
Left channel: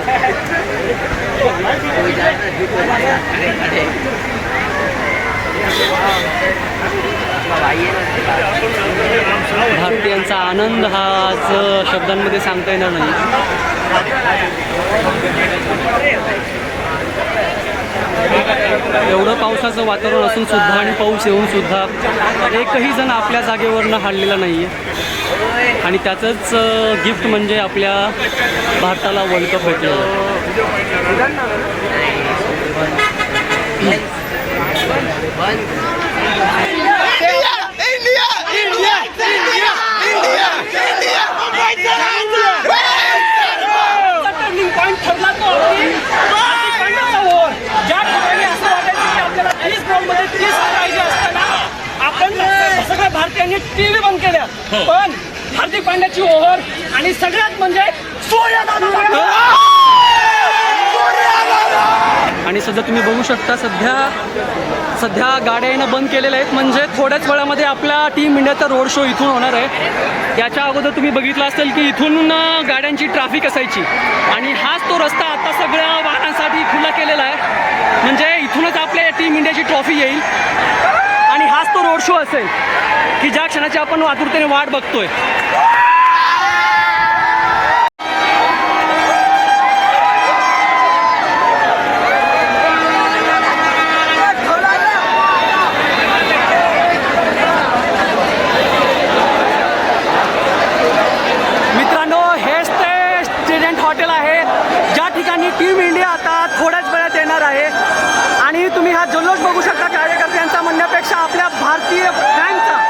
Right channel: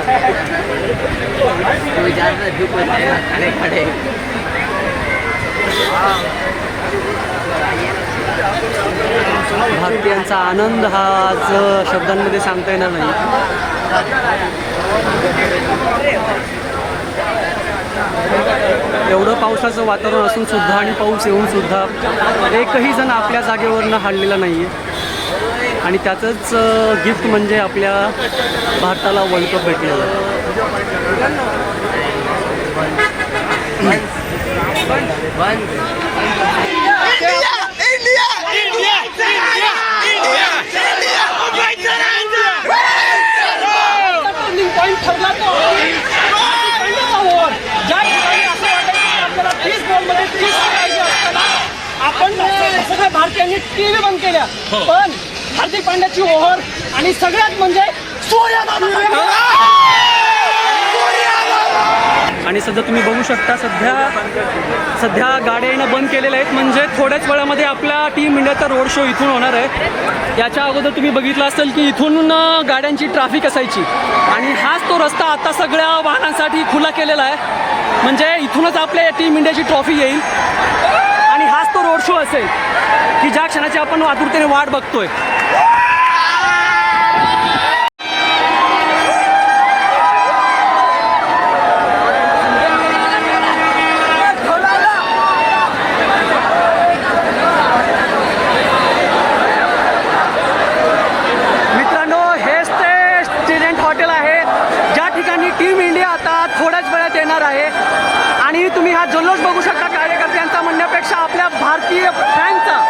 भारतीयांचा आनंद हा आज शब्दांमध्ये सांगता येणार नाही. एवढं पावसाचं वातावरण असून सुद्धा आणि पाऊस येऊन सुद्धा एकही जण आपल्या जागेवरनं हललेला नाही आहे आणि त्याचंच गिफ्ट म्हणजे आपल्या भारताला वर्ल्ड कप भेटलेला आहे. टर्निंग पॉईंट ठरला तो ज्या ठिकाणी असं वाटायचं की आपल्याला 30 बॉलमध्ये 30 पाहिजे असताना आपण सगळ्या भारतीयांनी टीव्ही बंद केल्या. पण हार्दिक पांड्याची ओव्हर आणि सगळ्यात म्हणजे आणि सध्या तुम्ही बघू शकता सध्या गाड्या येणं बंद केलेल्या आहेत. म्हणजे थोड्याच वेळामध्ये आपला टीम इंडियाचा रोड शो इथून होणार आहे. याच्या अगोदर तुम्ही बघितलं असेल की इथून गाड्यांची ट्रॅफिक असायची आणि हाच तो रस्ता आता सगळ्या वाहनांसाठी खुला केलेला आहे. म्हणजे इथूनच आपल्या टीम इंडियाची ट्रॉफी येईल आणि हाच तो रोड शो असेल की ज्या क्षणाची आपण आतुरतेने वाट बघतोय. ट्रिडेंट हॉटेल आहे ज्या ठिकाणी टीम इंडिया आता थोड्याच वेळात येणार आहे आणि तुम्ही हा जल्लोष बघू शकता कार्यकर्त्यांचा म्हणण्यापेक्षा आपल्या भारतीय फॅनचा.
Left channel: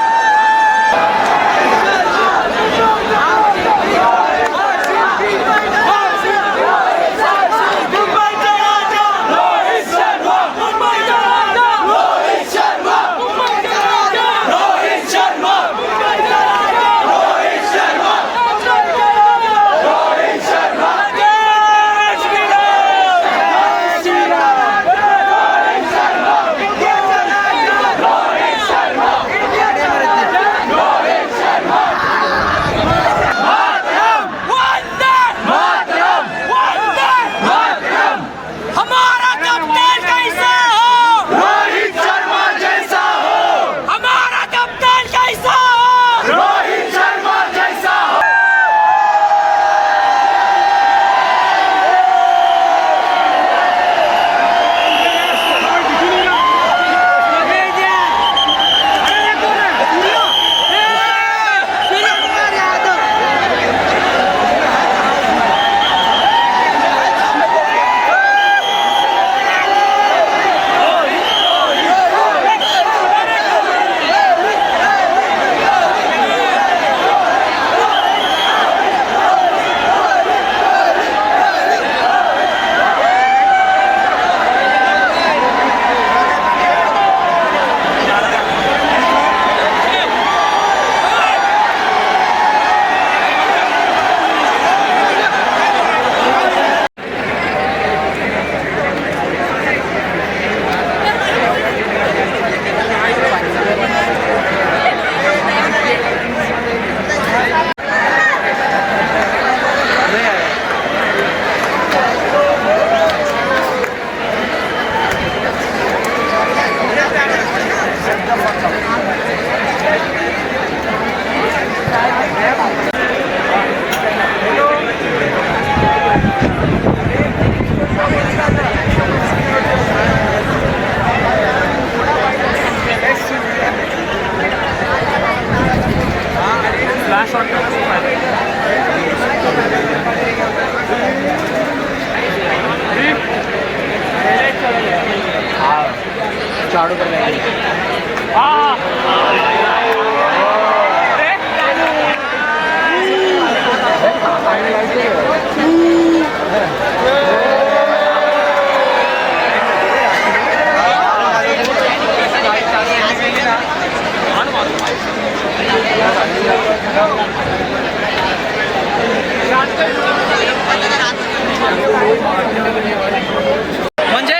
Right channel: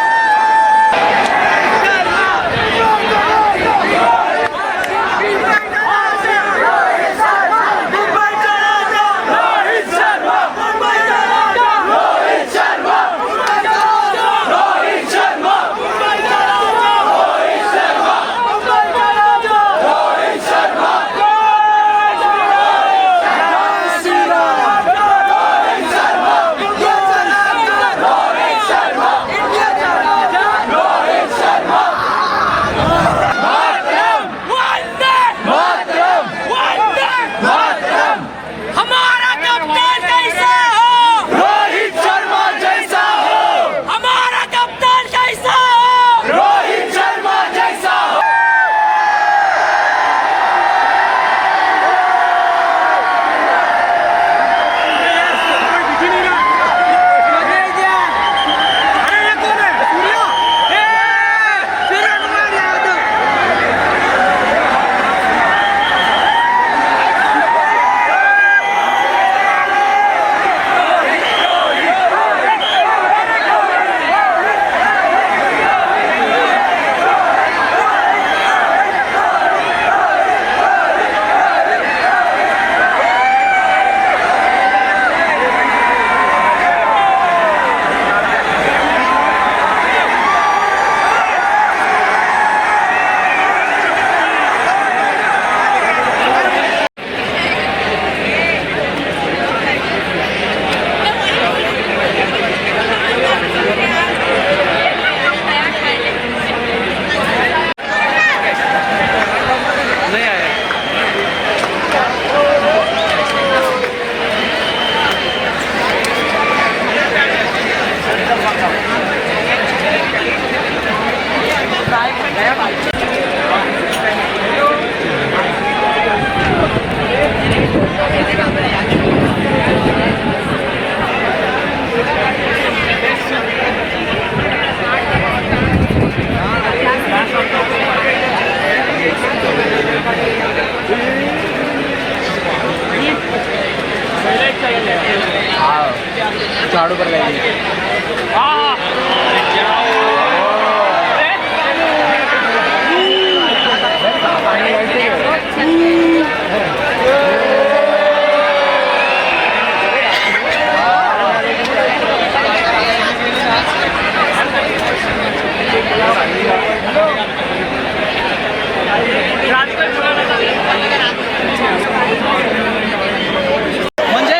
म्हणजे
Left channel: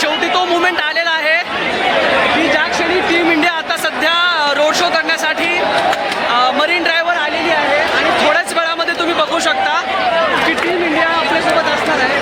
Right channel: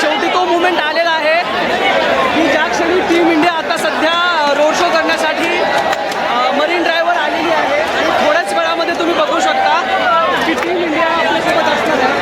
शेवटी तो मुवमेंट आलेला आहे की ज्या क्षणी टीम इंडिया आता सध्या रोड शो करण्यासाठी मरीन ड्राईव्हवर आलेली आहे आणि थोड्याच वेळामध्ये तुम्ही बघू शकता की टीम इंडिया आपल्यासोबत असणार आहे.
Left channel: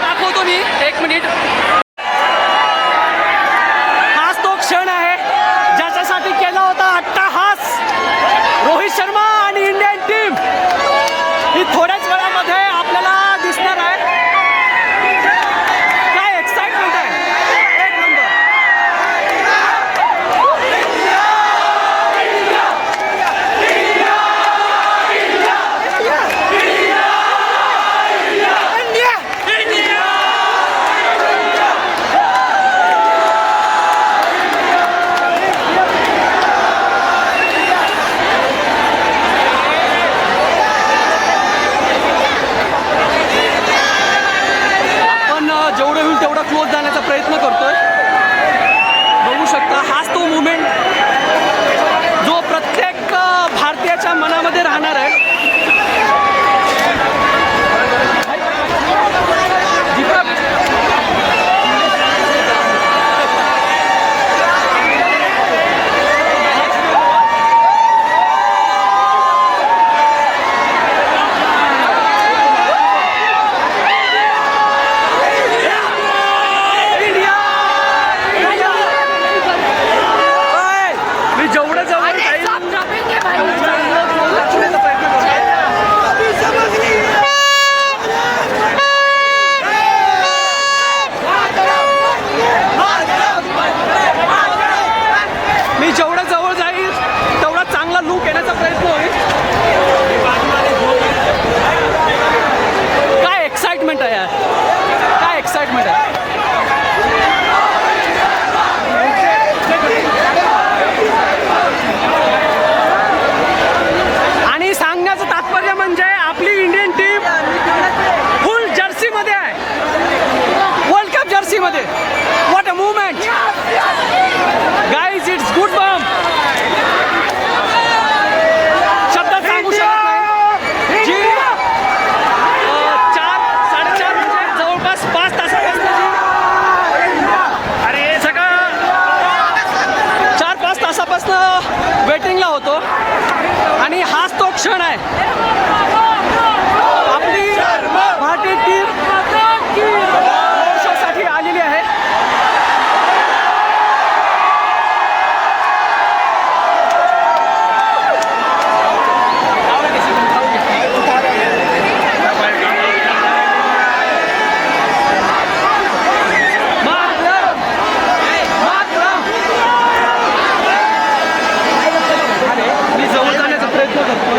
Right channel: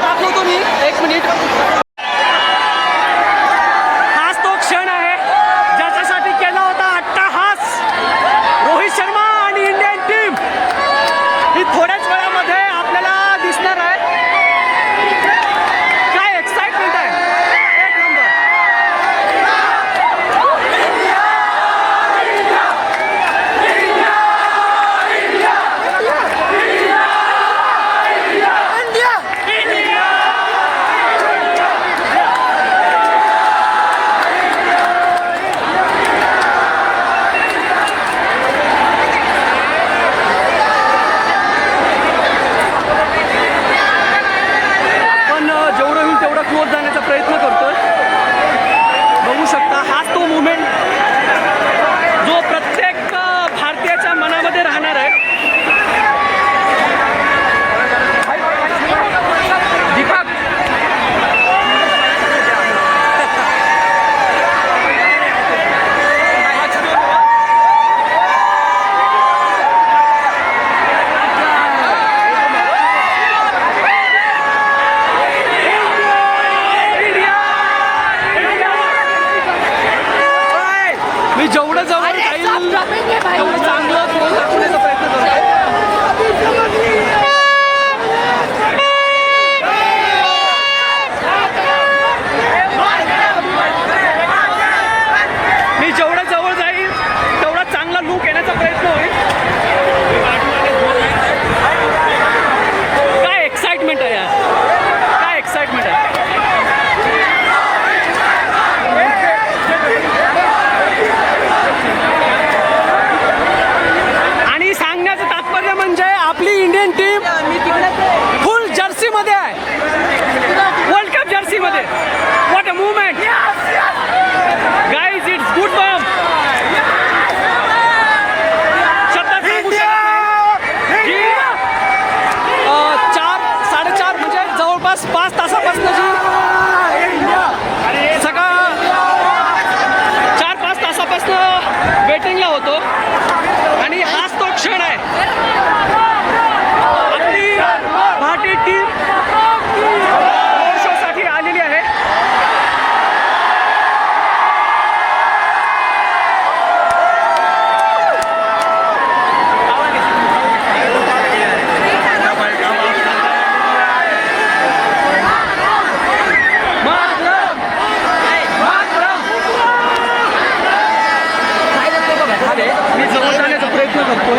दाखवतो मी 1 मिनिट. हाच तो क्षण आहे ज्याच्यासाठी केला होता अट्टाहास रोहित शर्मा आणि इंडियन टीम ही थोड्याच वेळामध्ये आपल्याला दिसणार आहे. काय एक्साइटमेंट आहे, एक नंबर. जेवढं होईल तेवढा क्लोज जाण्याचा प्रयत्न करतोय. बघू शकता हाच तो मुवमेंट जो प्रत्येक भारतीयाच्या मनामध्ये राहणार आहे. जेवढं जवळ जाईल तेवढं चांगलं गोल दाखवण्याचा प्रयत्न करतो. मी जेवढं जवळ जाईल तेवढा चांगला लूक येण्याचा प्रयत्न होईल. काय एक्साइटमेंट आहे यार, काय एक्साइटमेंट आहे. आणि सांगण्याचं तात्पर्य म्हणजे आपली इंडियन टीम फुल जर्सीमध्ये आहे, वर्ल्ड कप जर्सीमध्ये. What a moment guys, it's goosebumps. शब्दात सांगू शकत नाही. जी 4-4.5 म्हणजे जवळपास 5 तासापासून जी सगळं 4-5 तासापासून वेटिंगला होतो आणि हाच तो क्षण आहे. आपली भारतीय टीम रोड शोसाठी आलेली आहे. मी जवळ जाण्याचा प्रयत्न करतो.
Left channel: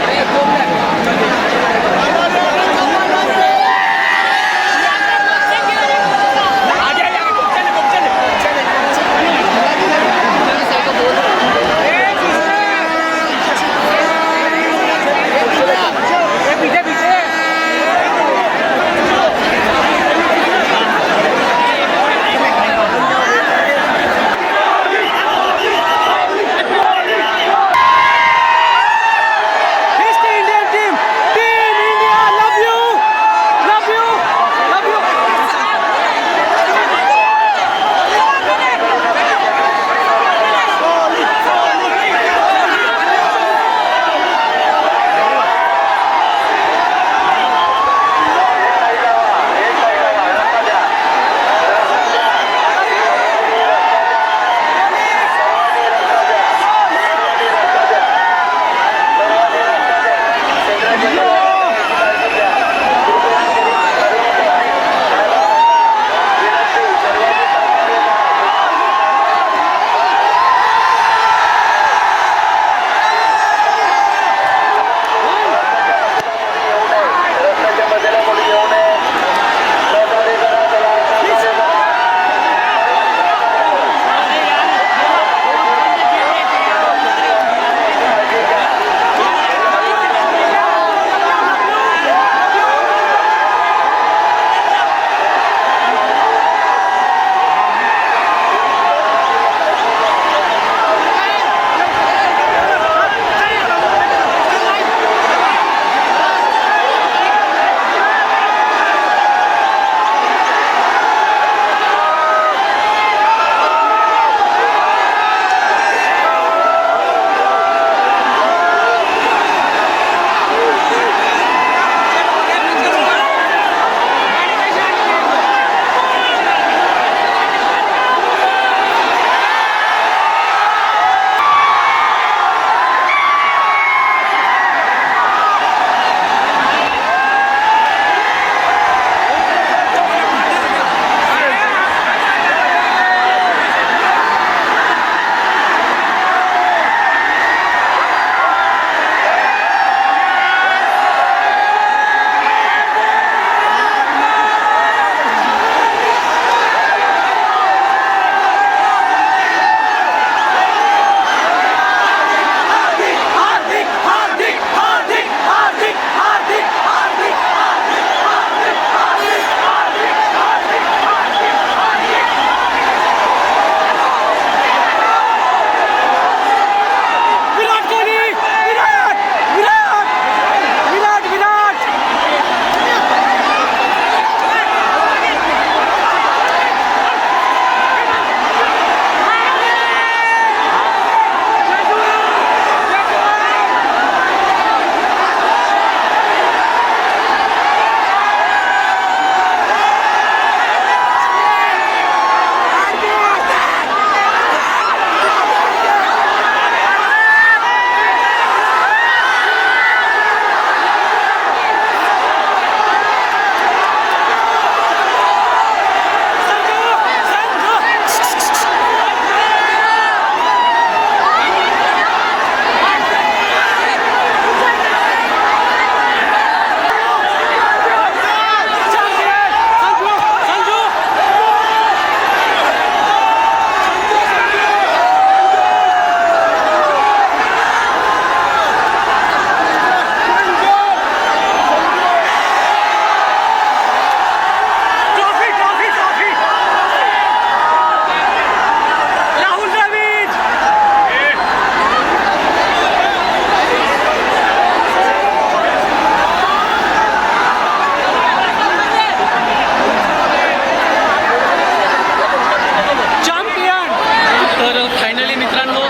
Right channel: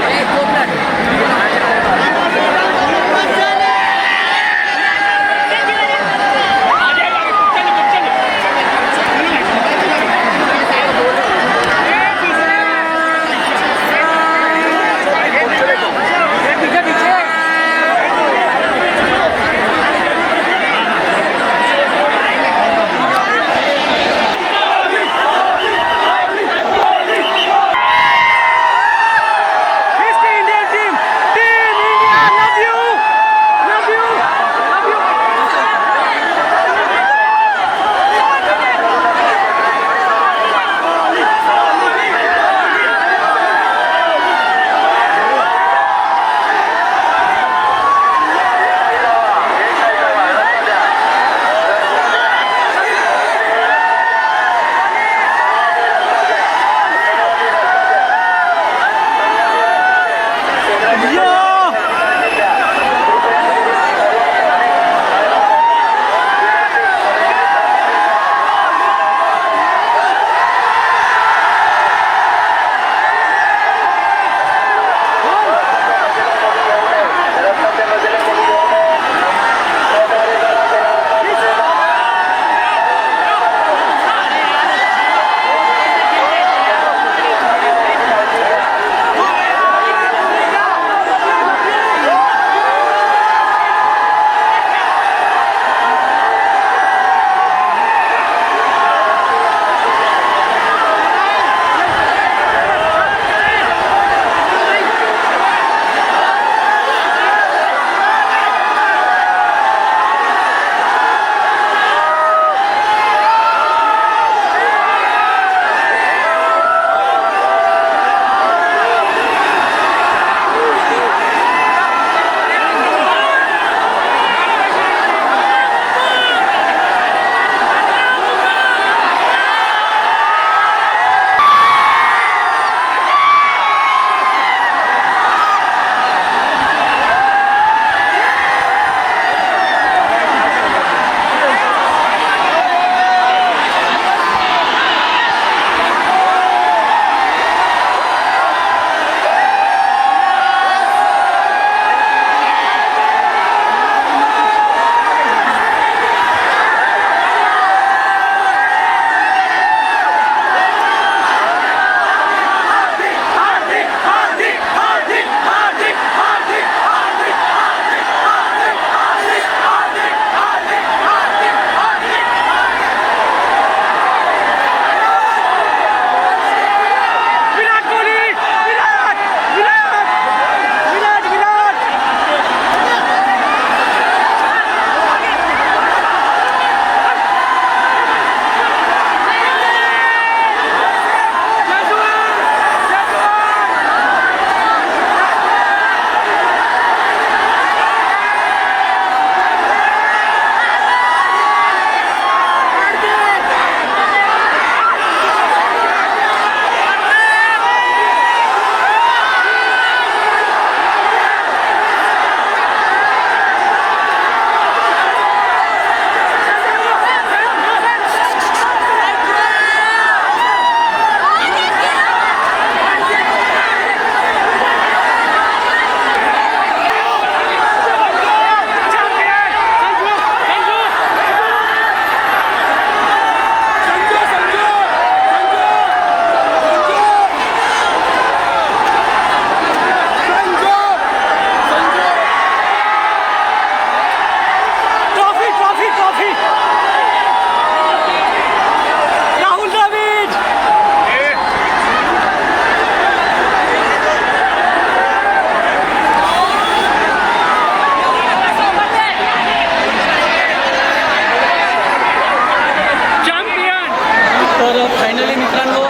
फायनली मित्रांनो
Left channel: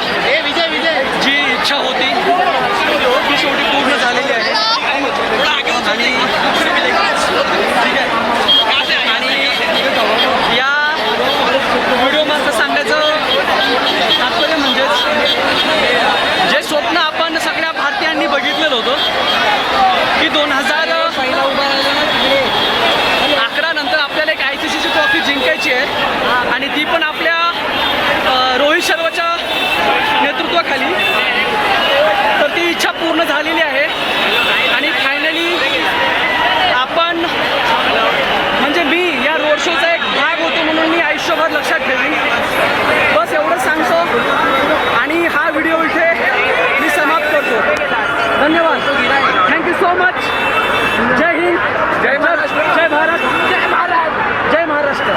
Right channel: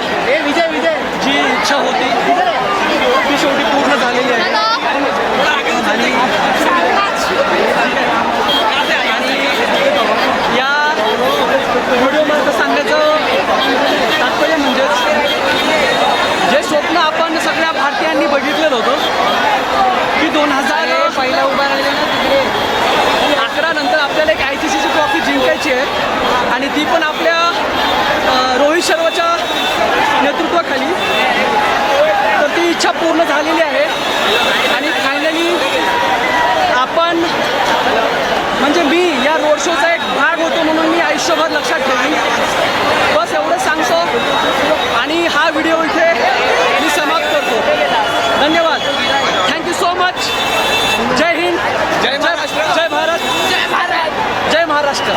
जी इच्छा होती ती शेवटी पूर्ण झालेली आहे आणि ठीक आहे. आणि या व्हिडिओमध्ये सांगायचं तात्पर्य म्हणजे जे स्वप्न आपण सगळ्या भारतीयांनी बघितलेलं होतं की 2011 नंतर आपल्याला एक ICCची ट्रॉफी जिंकायची आहे आणि ती पण आपल्या रोहित शर्माच्या नेतृत्वाखाली. तर ती इच्छा पूर्ण झालेली आहे आणि फायनली आपण म्हणजे मी या रोड शोचा एक भाग होतो म्हणून मी आयुष्यभर लक्षात ठेवीन. बस एवढं सांगतो आणि हा व्हिडिओ इथे मी समाप्त करतो. धन्यवाद. Thank you so much. जय हिंद. जय भारत. जय महाराष्ट्र.